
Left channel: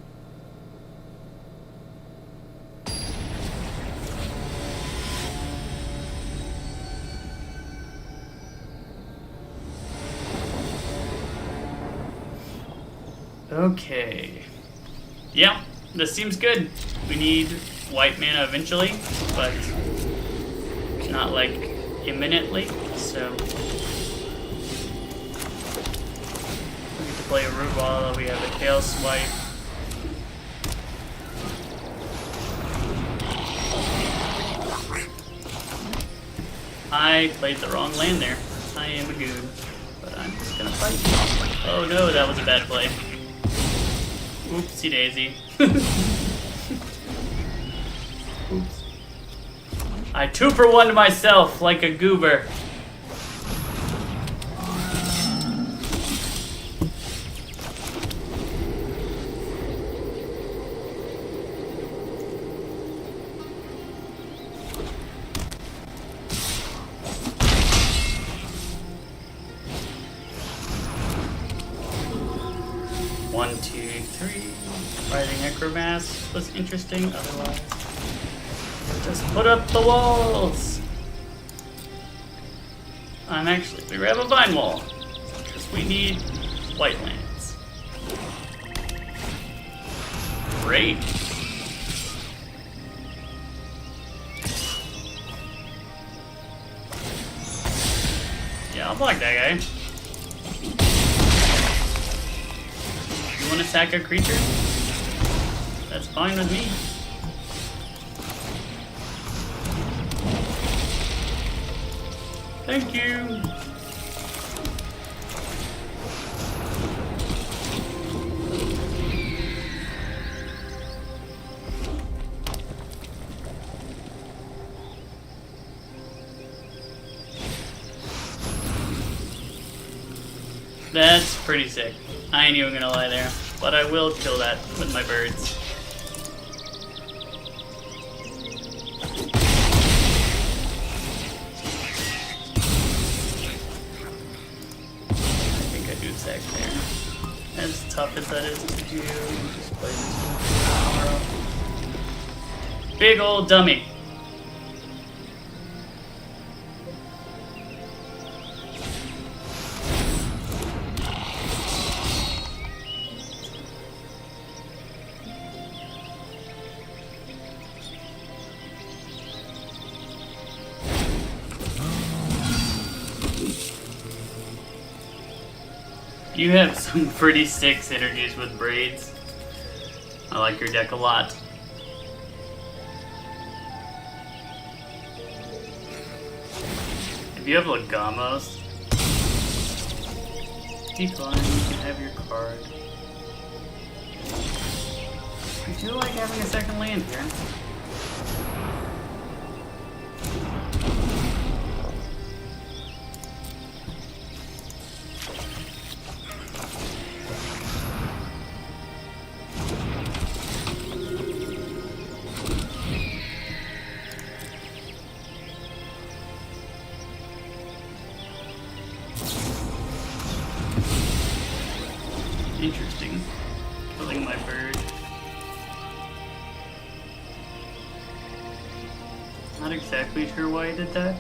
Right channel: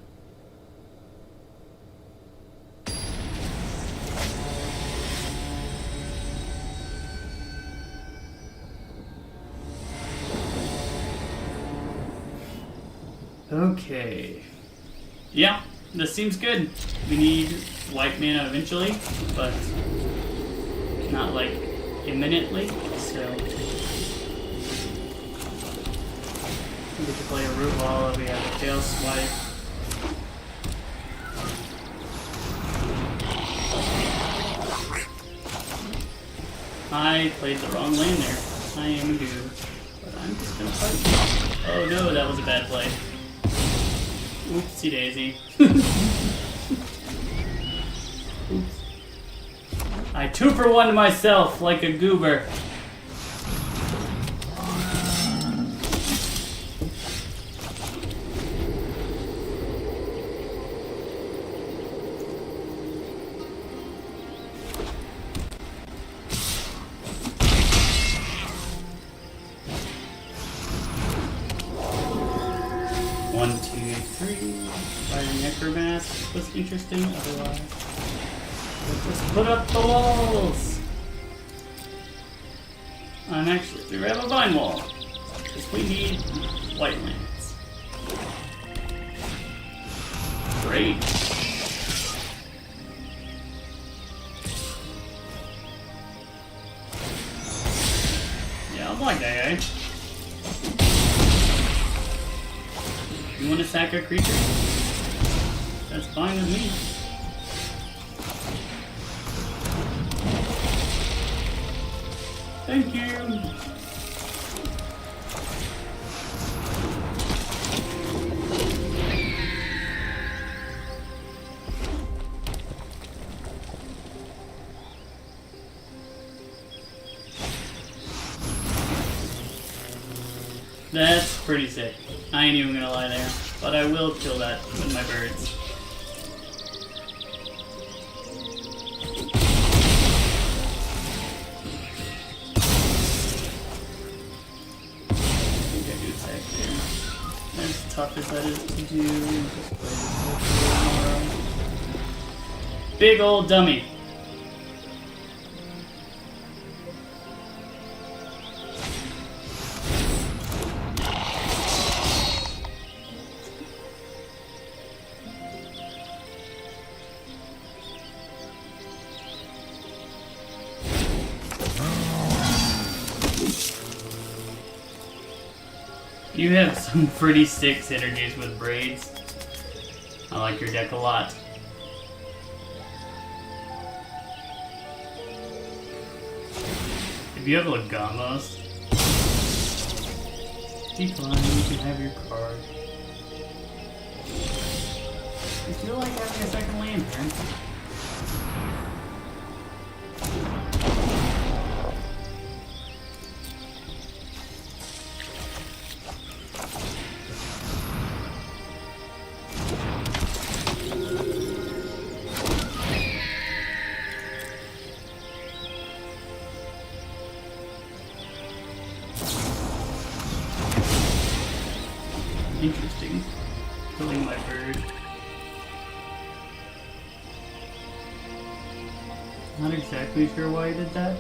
Okay. Yeah, this seems good. We need white mana eventually, but not like imminently, so we can play Root while we have a Tail Swipe. I played the wrong land there. I am a goob, but I'm just gonna fight. Oh no, that was a bad play. Oopsie daisy. Oops. I 2-for-1 myself like a goober. Was interesting, otherwise just put up the walls. We have a vine wall. We need white lands. Great. Yeah, I'll block that guy. You want to sack a creature? That's fine with me. Thank you. That's pretty sick. I ain't even gonna lie there, but I will kill that with my birds. Tough as that is to do. Big old dummy. You have some pretty sick synergies with braids. I like your deck a lot. If you have Legamos, decline, have your card. I feel like working a second land, man. Interesting. Killing my bird. Not exactly sure why I did that.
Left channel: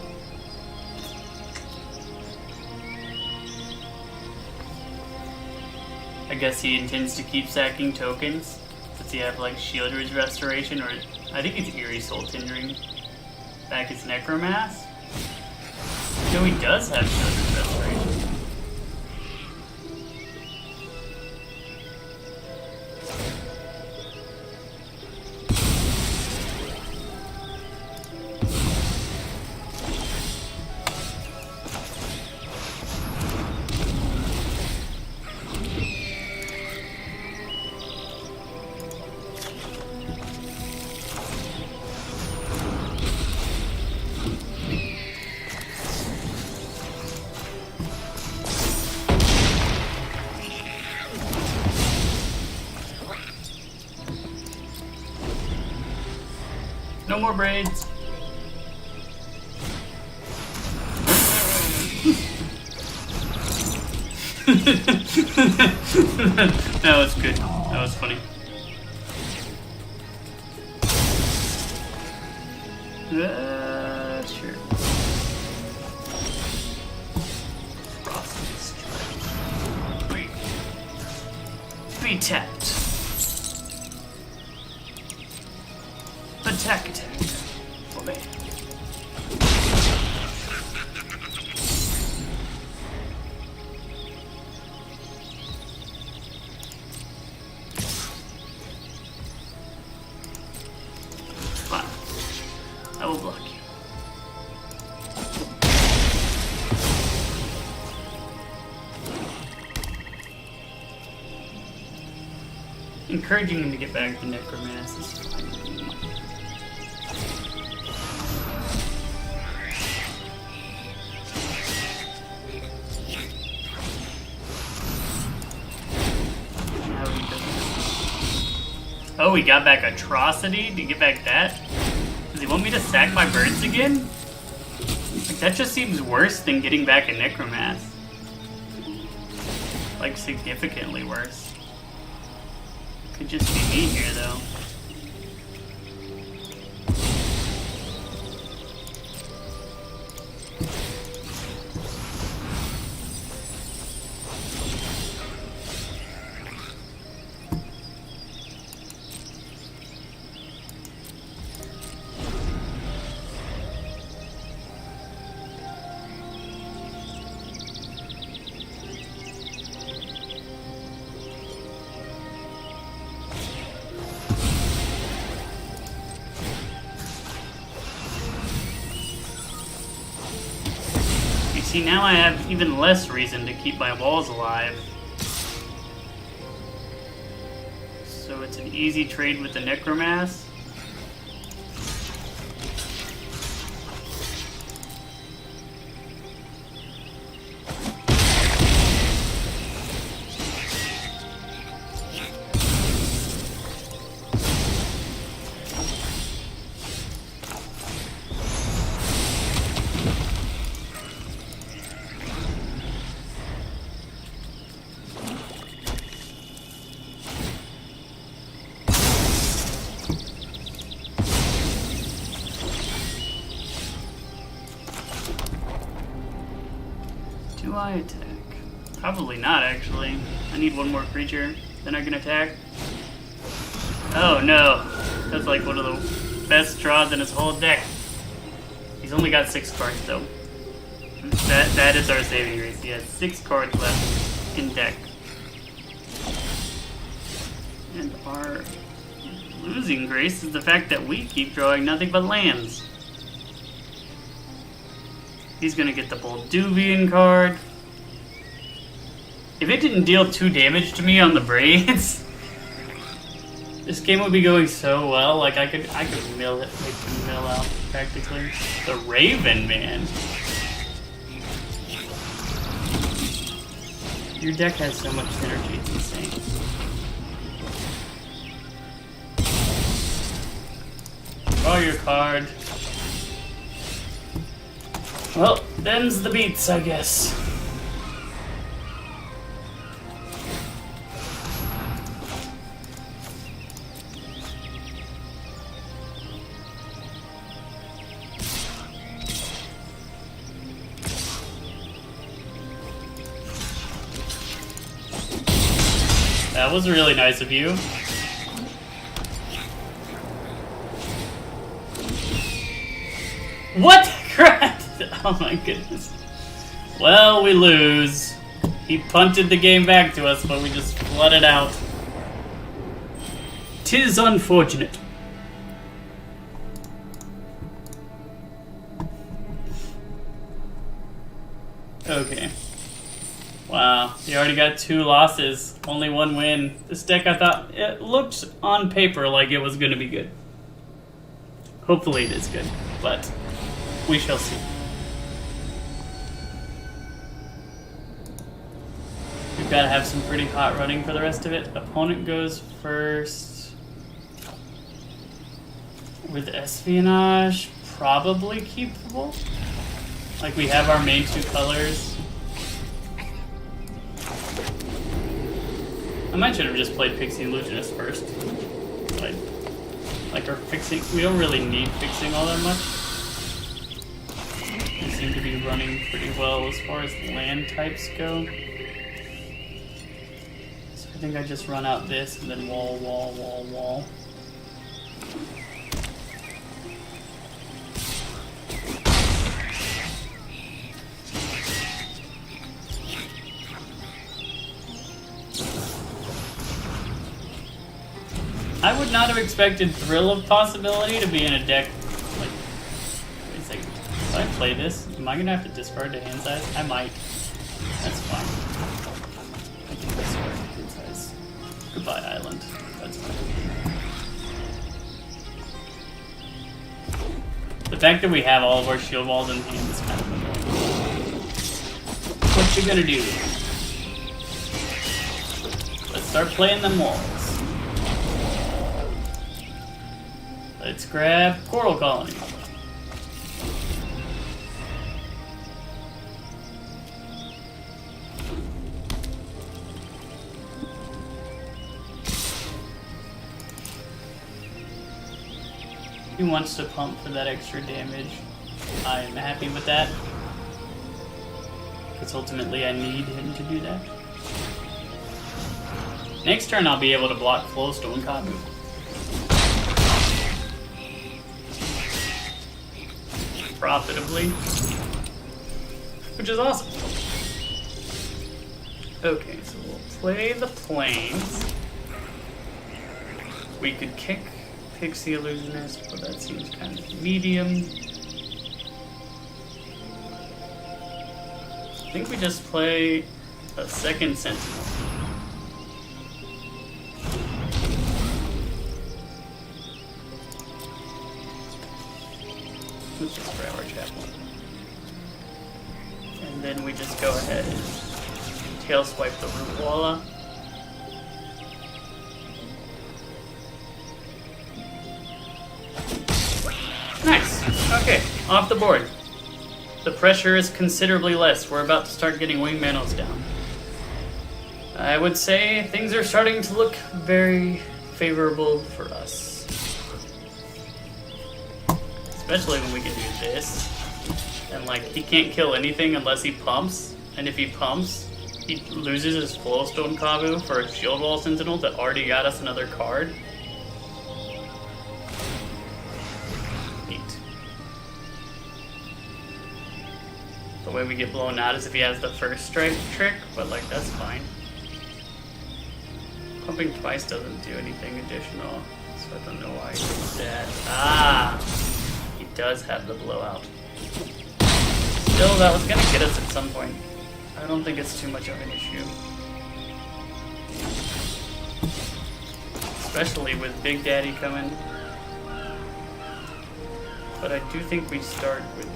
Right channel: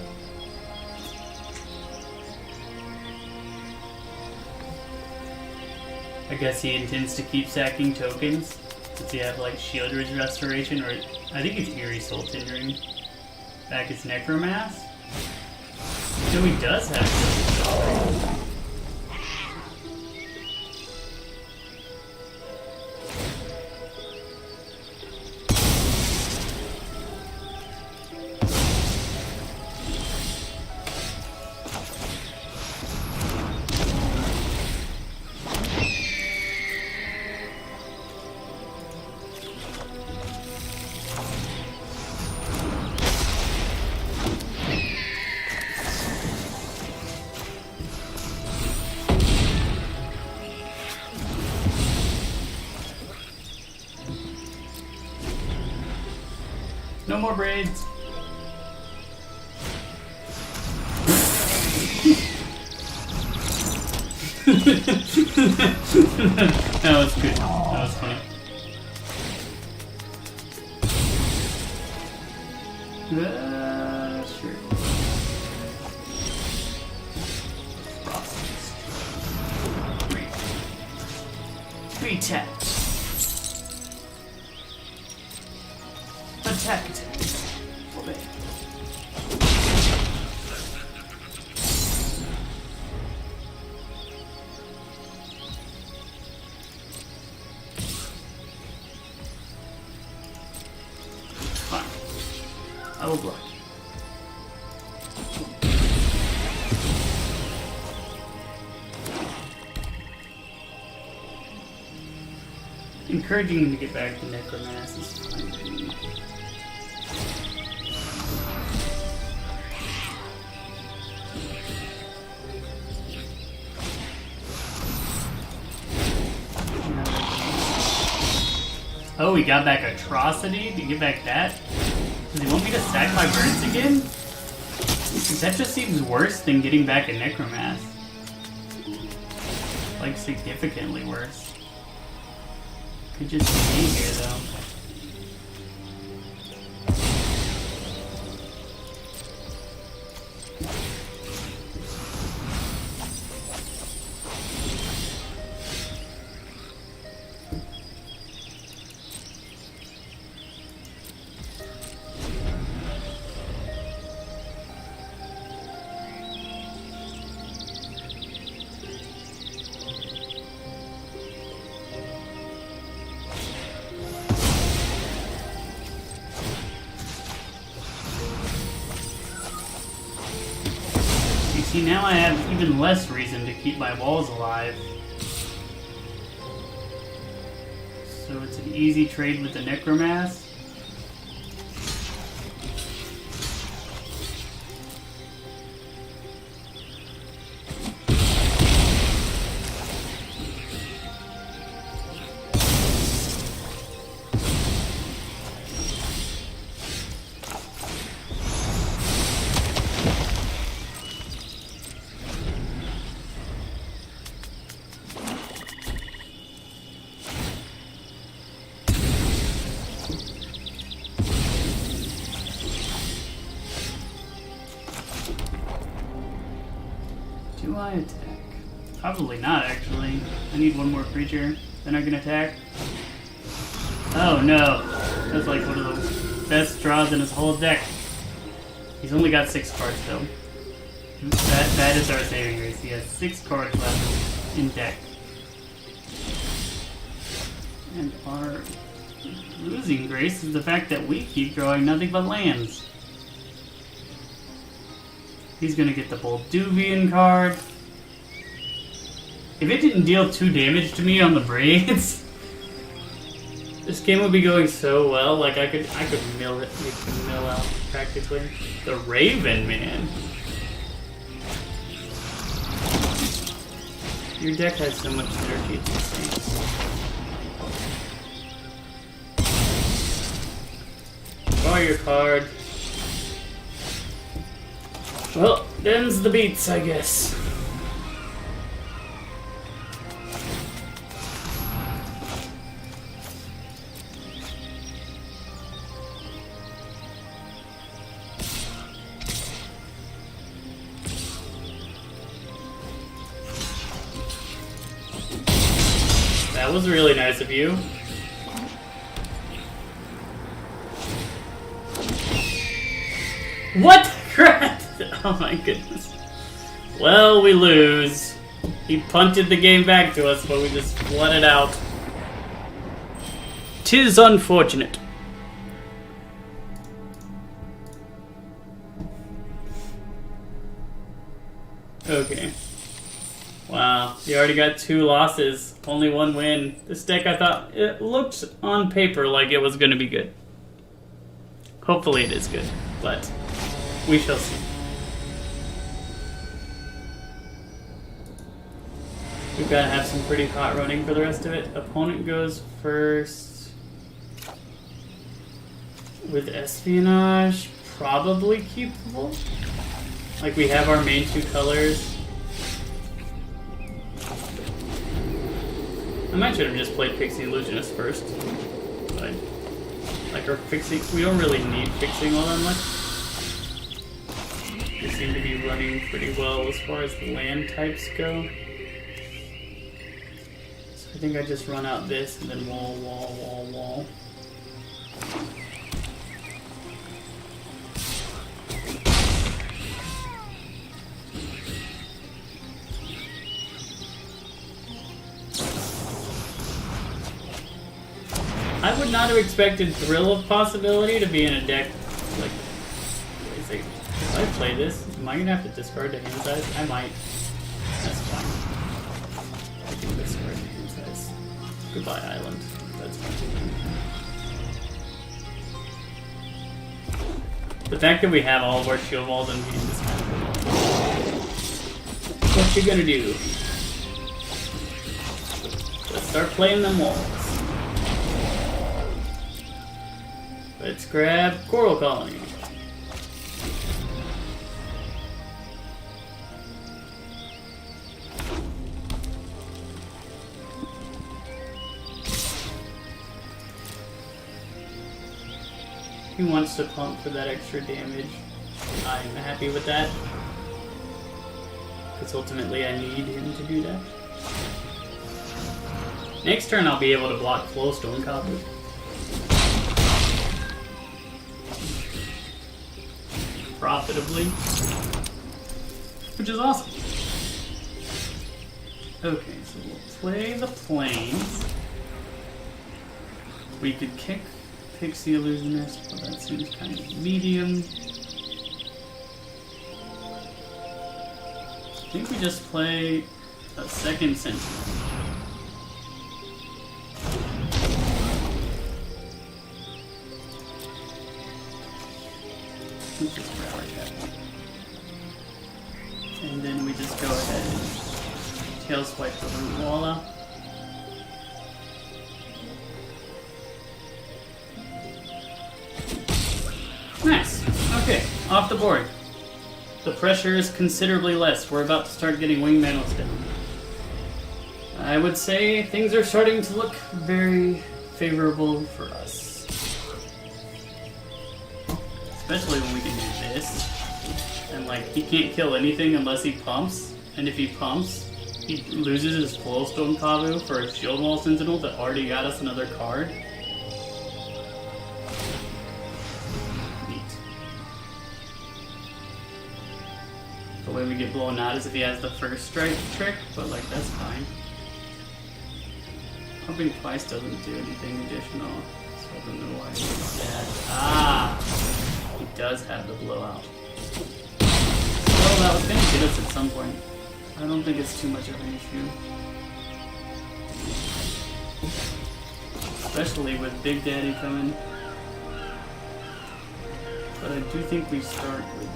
I guess he intends to keep sacking tokens, since he had like Shieldred's Restoration, or I think it's Eerie Soul Tindering. Back his Necromass. No, he does have Restoration. No more braids. That was good. That was funny. Sure. Three tap. Attack, attack. Obey. Fine. I will block you. Encouraging him to get back to Necromancy. Oh, we got back Atrocity to get back that? Does he want me to sack my birds again? That just seems worse than getting back a Necromass. Like, significantly worse. Could just be here, though. See, now I have even less reason to keep my walls alive. So it's an easy trade with the Necromass. Do I attack? Probably not, actually. I need one more creature, then I can attack. Oh no, that's like one of the best draws in his whole deck. He's only got 6 cards though. That is our saving grace. He has 6 cards left in deck. And our losing grace is the fact that we keep drawing nothing but lands. He's gonna get the Bolduvian card. If it didn't deal 2 damage to me on the braids, this game would be going so well. Like I could mill it, mill out practically. The Raven, man. Your deck has so much better features. Draw your card. Well, them's the beats, I guess. That was really nice of you. What? Crap! Oh my goodness. Well, we lose. He punted the game back to us, but we just flooded out. 'Tis unfortunate. Okay. Wow, you already got 2 losses, only 1 win. This deck, I thought, it looked on paper like it was going to be good. Hopefully it is good, but we shall see. We've got to have some pretty hot running for the rest of it. Opponent goes first. With Espionage, probably keepable. Like, we have our main 2 colors. I might should have just played Pixie Illusionist first. Like our fixing, we don't really need fixing all that much. They seem to be running pretty well as far as land types go. So I think I just run out this and then wall, wall, wall, wall. I would not have expected Thrill of Possibility to be in a deck. Like, wait a second. If I play this, am I gonna have to discard to hand size? I might. That's fine. Discard to hand size. Goodbye, Island. That's fine. The fact that we have all of our shield walls in hand is kind of cool. What you gonna do? Let's start playing them walls. Let's grab Coral Colony. He wants to pump for that extra damage. I'm happy with that. Because ultimately I need him to do that. Next turn I'll be able to block Flowstone Kabu. Profitably. Which is awesome. Okay, so we'll play the Plains. We could kick Pixie Illusionist, but that seems kind of medium. I think we just play a second Sentinel. And then we just go ahead and tail swipe the Koala. Nice. Okay, off the board. The pressure is considerably less. We're about to start getting wing manos down. I would say things are starting to look very favorable for us. Especially when we can do this. And like, he can't kill anything unless he pumps. And if he pumps, he loses his Flowstone Kabu for a Shield Wall Sentinel that already got us another card. The way we get blown out is if he has the first strike trick, but like, that's fine. Pumping twice doesn't do anything additional, so I don't know why he did that. Ah! He does have the blowout. Still, that was gonna get us at some point. I don't think it's too much of an issue. Especially with Big Daddy coming. But I do think we start with...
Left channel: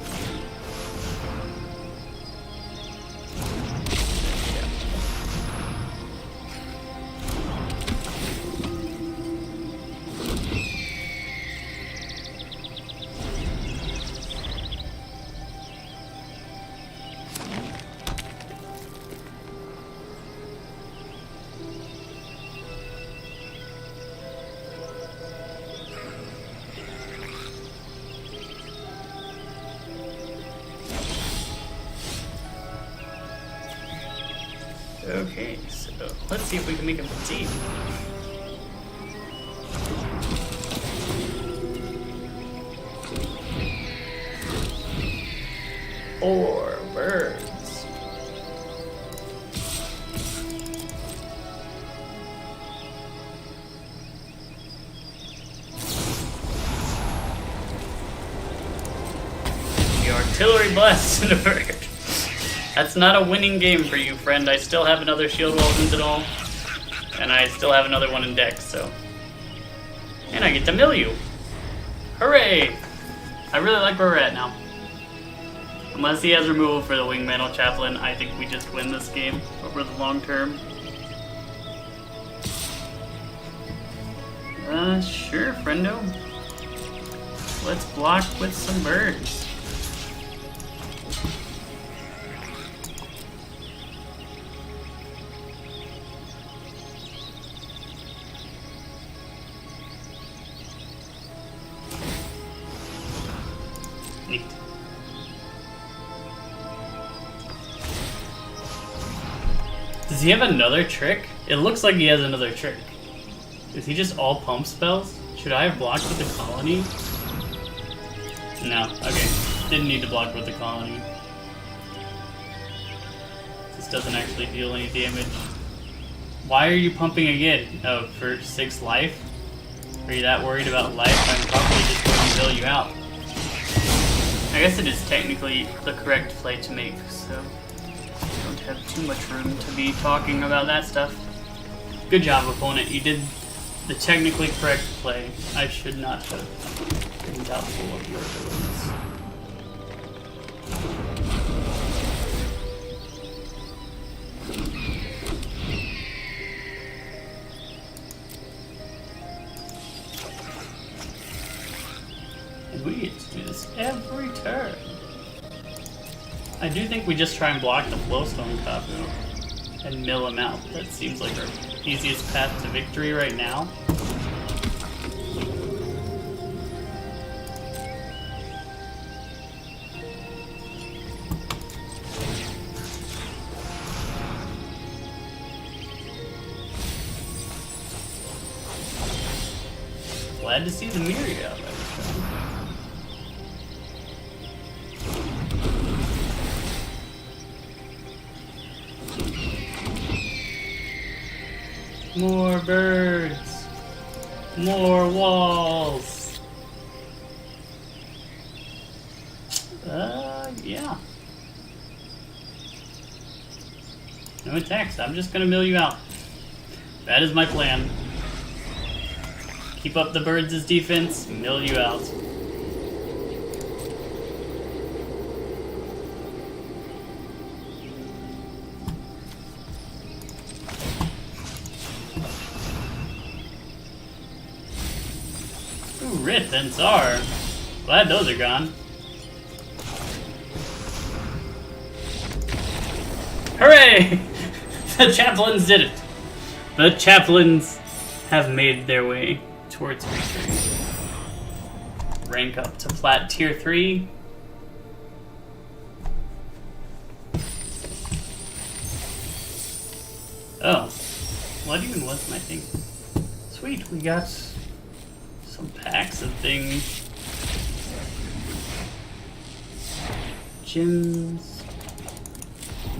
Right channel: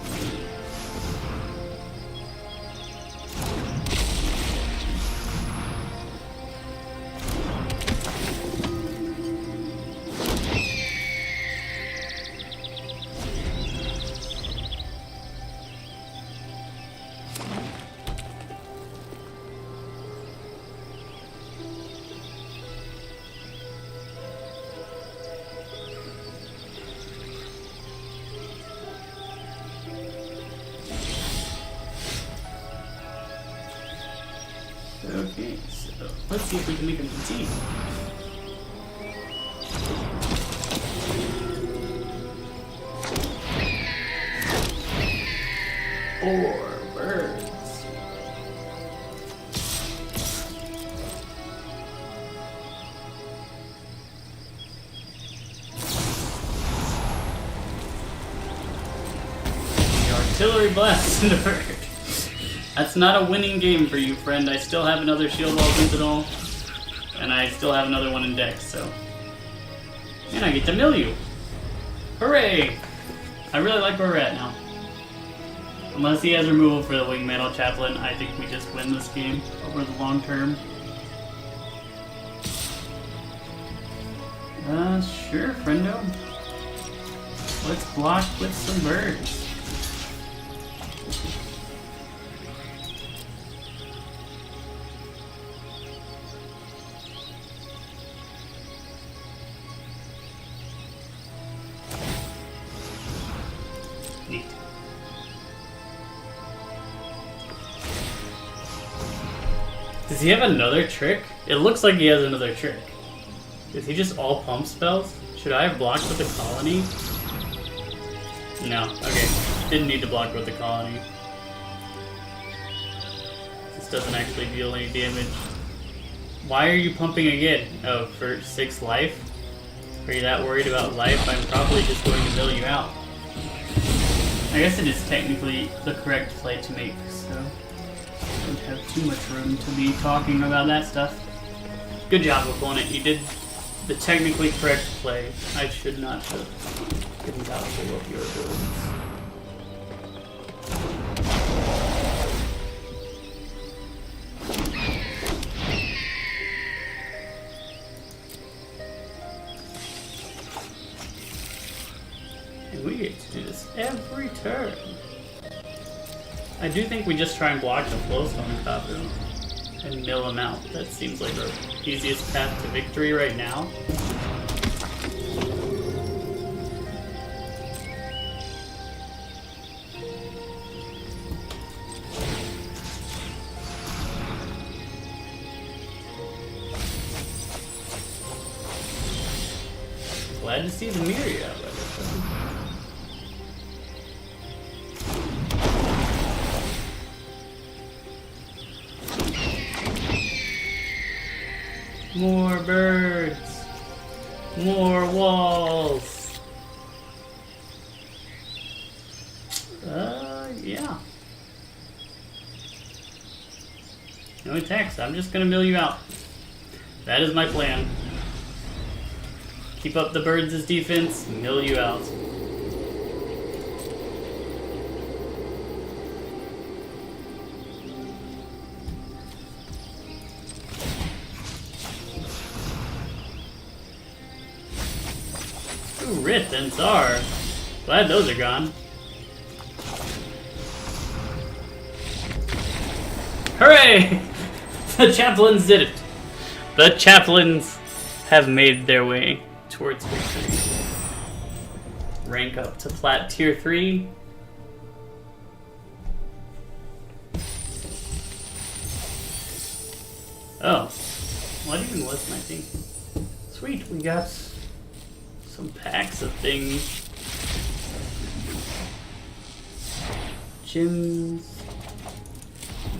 Okay, so let's see if we can make him see. Four birds. The artillery blast in the bird. That's not a winning game for you, friend. I still have another Shield Wall Sentinel, and I still have another one in deck, so... And I get to mill you! Hooray! I really like where we're at now. Unless he has removal for the Wingmantle Chaplain, I think we just win this game over the long term. Sure, friendo. Let's block with some birds. Does he have another trick? It looks like he has another trick. Is he just all pump spells? Should I have blocked with the colony? No. Okay. Didn't need to block with the colony. This doesn't actually deal any damage. Why are you pumping again? Oh, for 6 life? Are you that worried about life? I'm probably just going to mill you out. I guess it is technically the correct play to make, so... don't have too much room to be talking about that stuff. Good job, opponent. You did the technically correct play. I should not have been doubtful of your abilities. just try and block the Flowstone Cup and mill him out. That seems like our easiest path to victory right now. Glad to see the Myriad out there. More birds. More walls. Yeah. No attacks. I'm just gonna mill you out. That is my plan. Keep up the birds' defense, mill you out. Ooh, Rith and Tsar. Glad those are gone. Hooray! The chaplains did it. The chaplains have made their way towards victory. Rank up to plat tier 3. Oh, what even was my thing? Sweet, we got some packs of things. Gyms.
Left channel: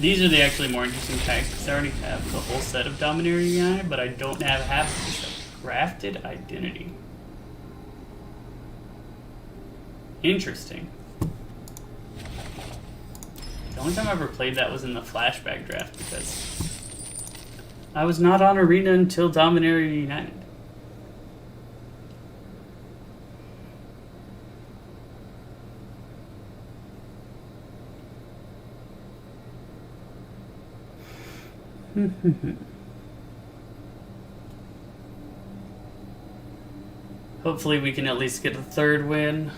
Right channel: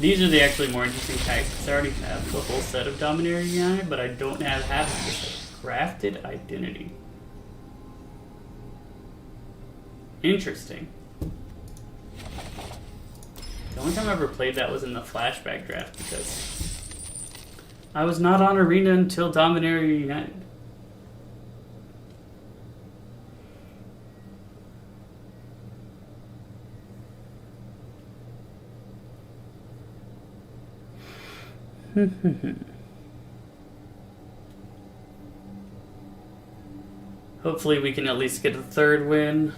These are the actually more interesting packs because I already have the whole set of Dominaria, but I don't have half of this. Crafted identity. Interesting. The only time I ever played that was in the flashback draft because I was not on Arena until Dominaria United. Hopefully we can at least get a third win.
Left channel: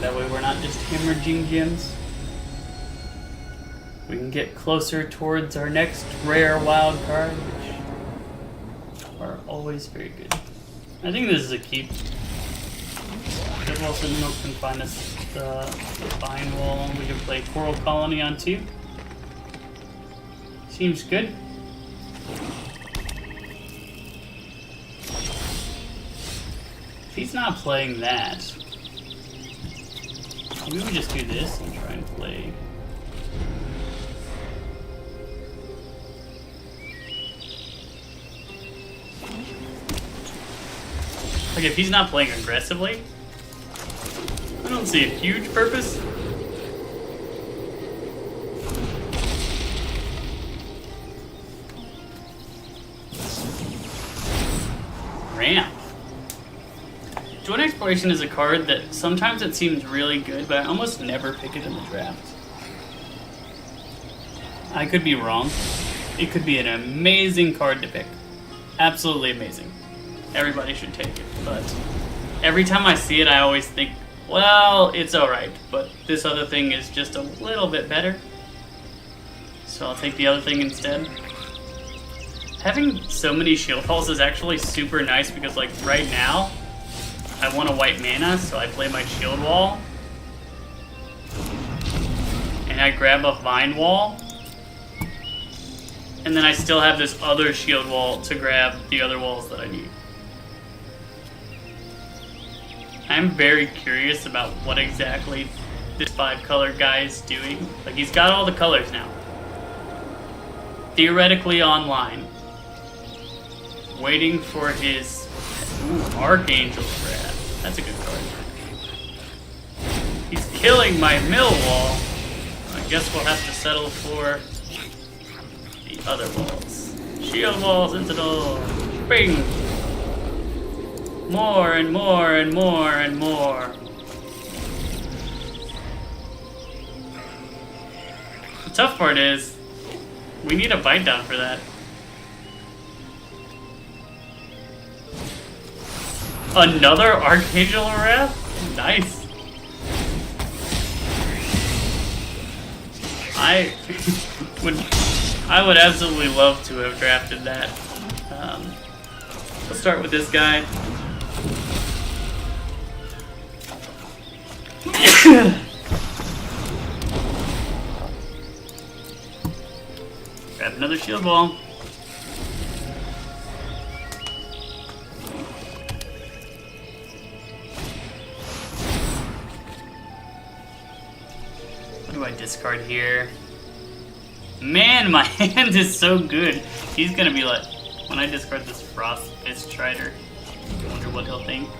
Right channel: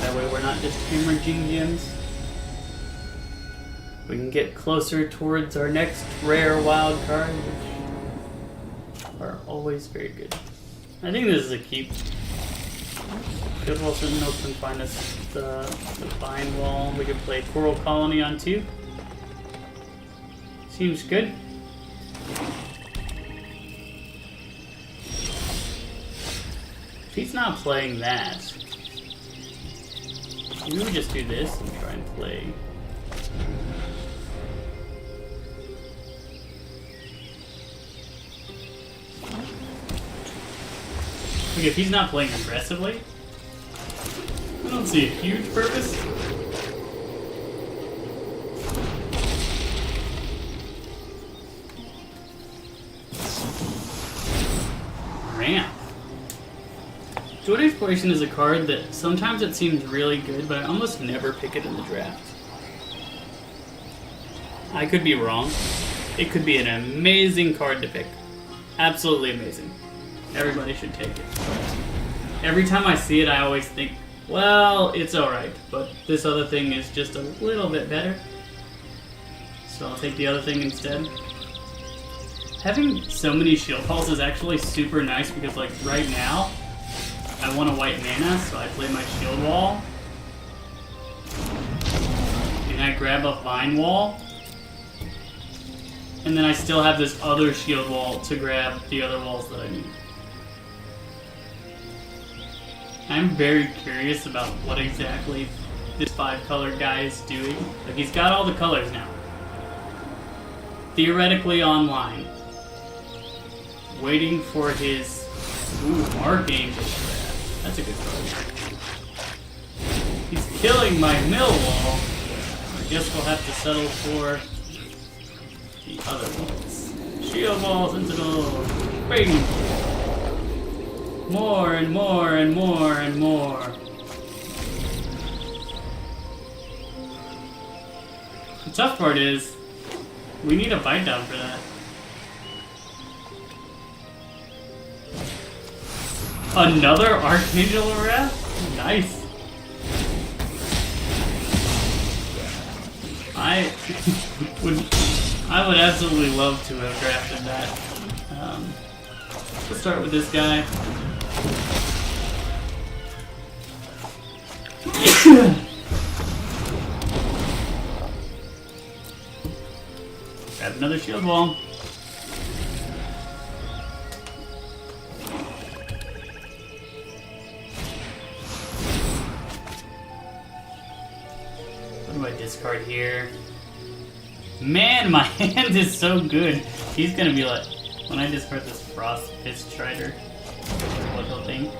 That way we're not just hemorrhaging gems. We can get closer towards our next rare wild card, which are always very good. I think this is a keep. Good Wolf and Milk can find us the Vine Wall. We can play Coral Colony on 2. Seems good. If he's not playing that, we would just do this and try and play. Like if he's not playing aggressively, I don't see a huge purpose. Ramp. Joint Exploration is a card that sometimes it seems really good, but I almost never pick it in the draft. I could be wrong. It could be an amazing card to pick. Absolutely amazing. Everybody should take it. But every time I see it, I always think, well, it's alright, but this other thing is just a little bit better. So I'll take the other thing instead. Having so many shield balls is actually super nice because, like, right now, I want a white mana, so I play my shield wall. And I grab a vine wall. And then I still have this other shield wall to grab the other walls that I need. I'm very curious about what exactly this 5-color guy is doing. Like, he's got all the colors now. Theoretically online. Waiting for his Archangel grab. That's a good card. He's killing my mill wall. I guess we'll have to settle for the other walls. Shield walls into the Lord. Bing! More and more and more and more. The tough part is, we need a bite down for that. Another Archangel Wrath? Nice. I would absolutely love to have drafted that. We'll start with this guy. Grab another shield wall. What do I discard here? Man, my hand is so good. He's gonna be like, when I discard this Frost Fist Strider, what he'll think.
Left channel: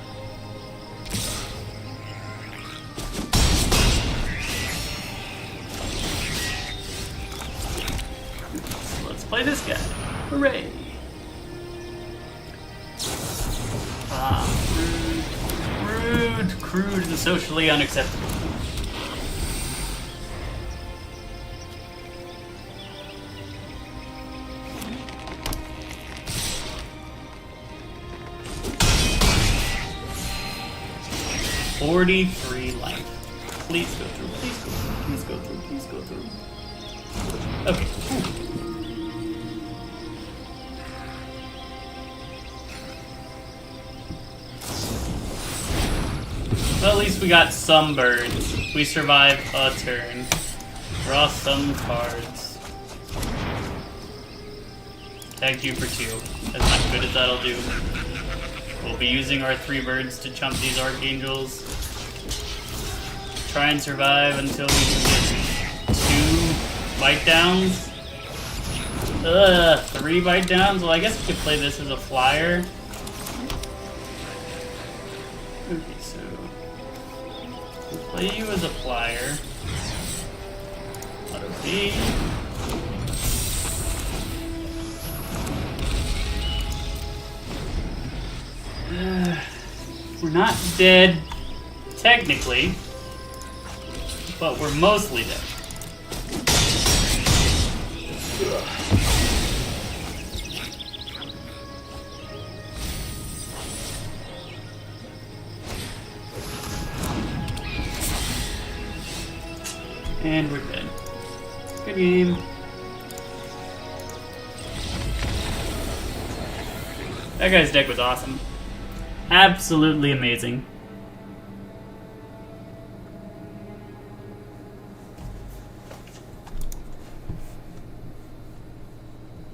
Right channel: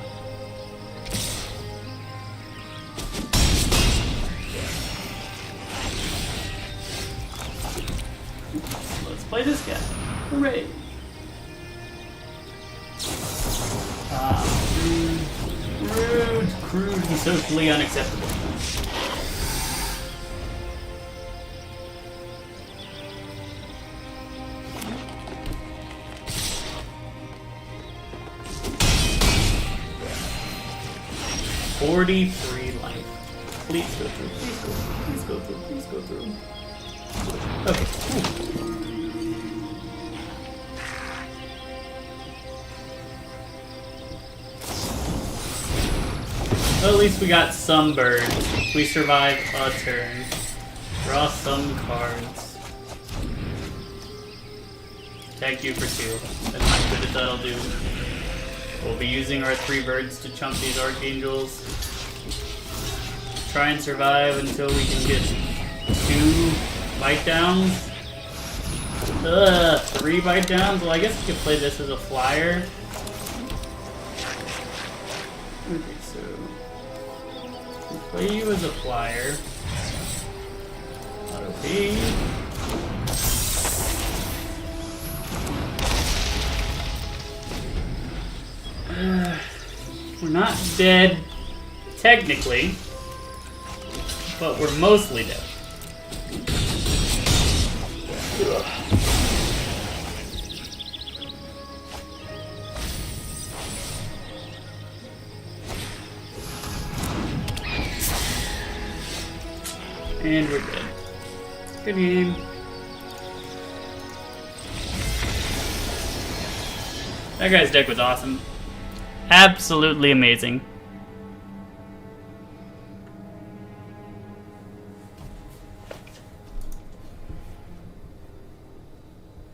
Let's play this guy. Hooray! Crude, and socially unacceptable. $43 life. Please go through. Please go through. Please go through. Okay. Well, at least we got some birds. We survived a turn. Draw some cards. Tag you for 2. That's how good as that'll do. We'll be using our 3 birds to chump these archangels. Try and survive until we can get 2 bite downs. 3 bite downs? Well, I guess we could play this as a flyer. Okay, so we'll play you as a flyer. Auto P. We're not dead, technically, but we're mostly dead. And we're dead. Good game. That guy's deck was awesome. Absolutely amazing.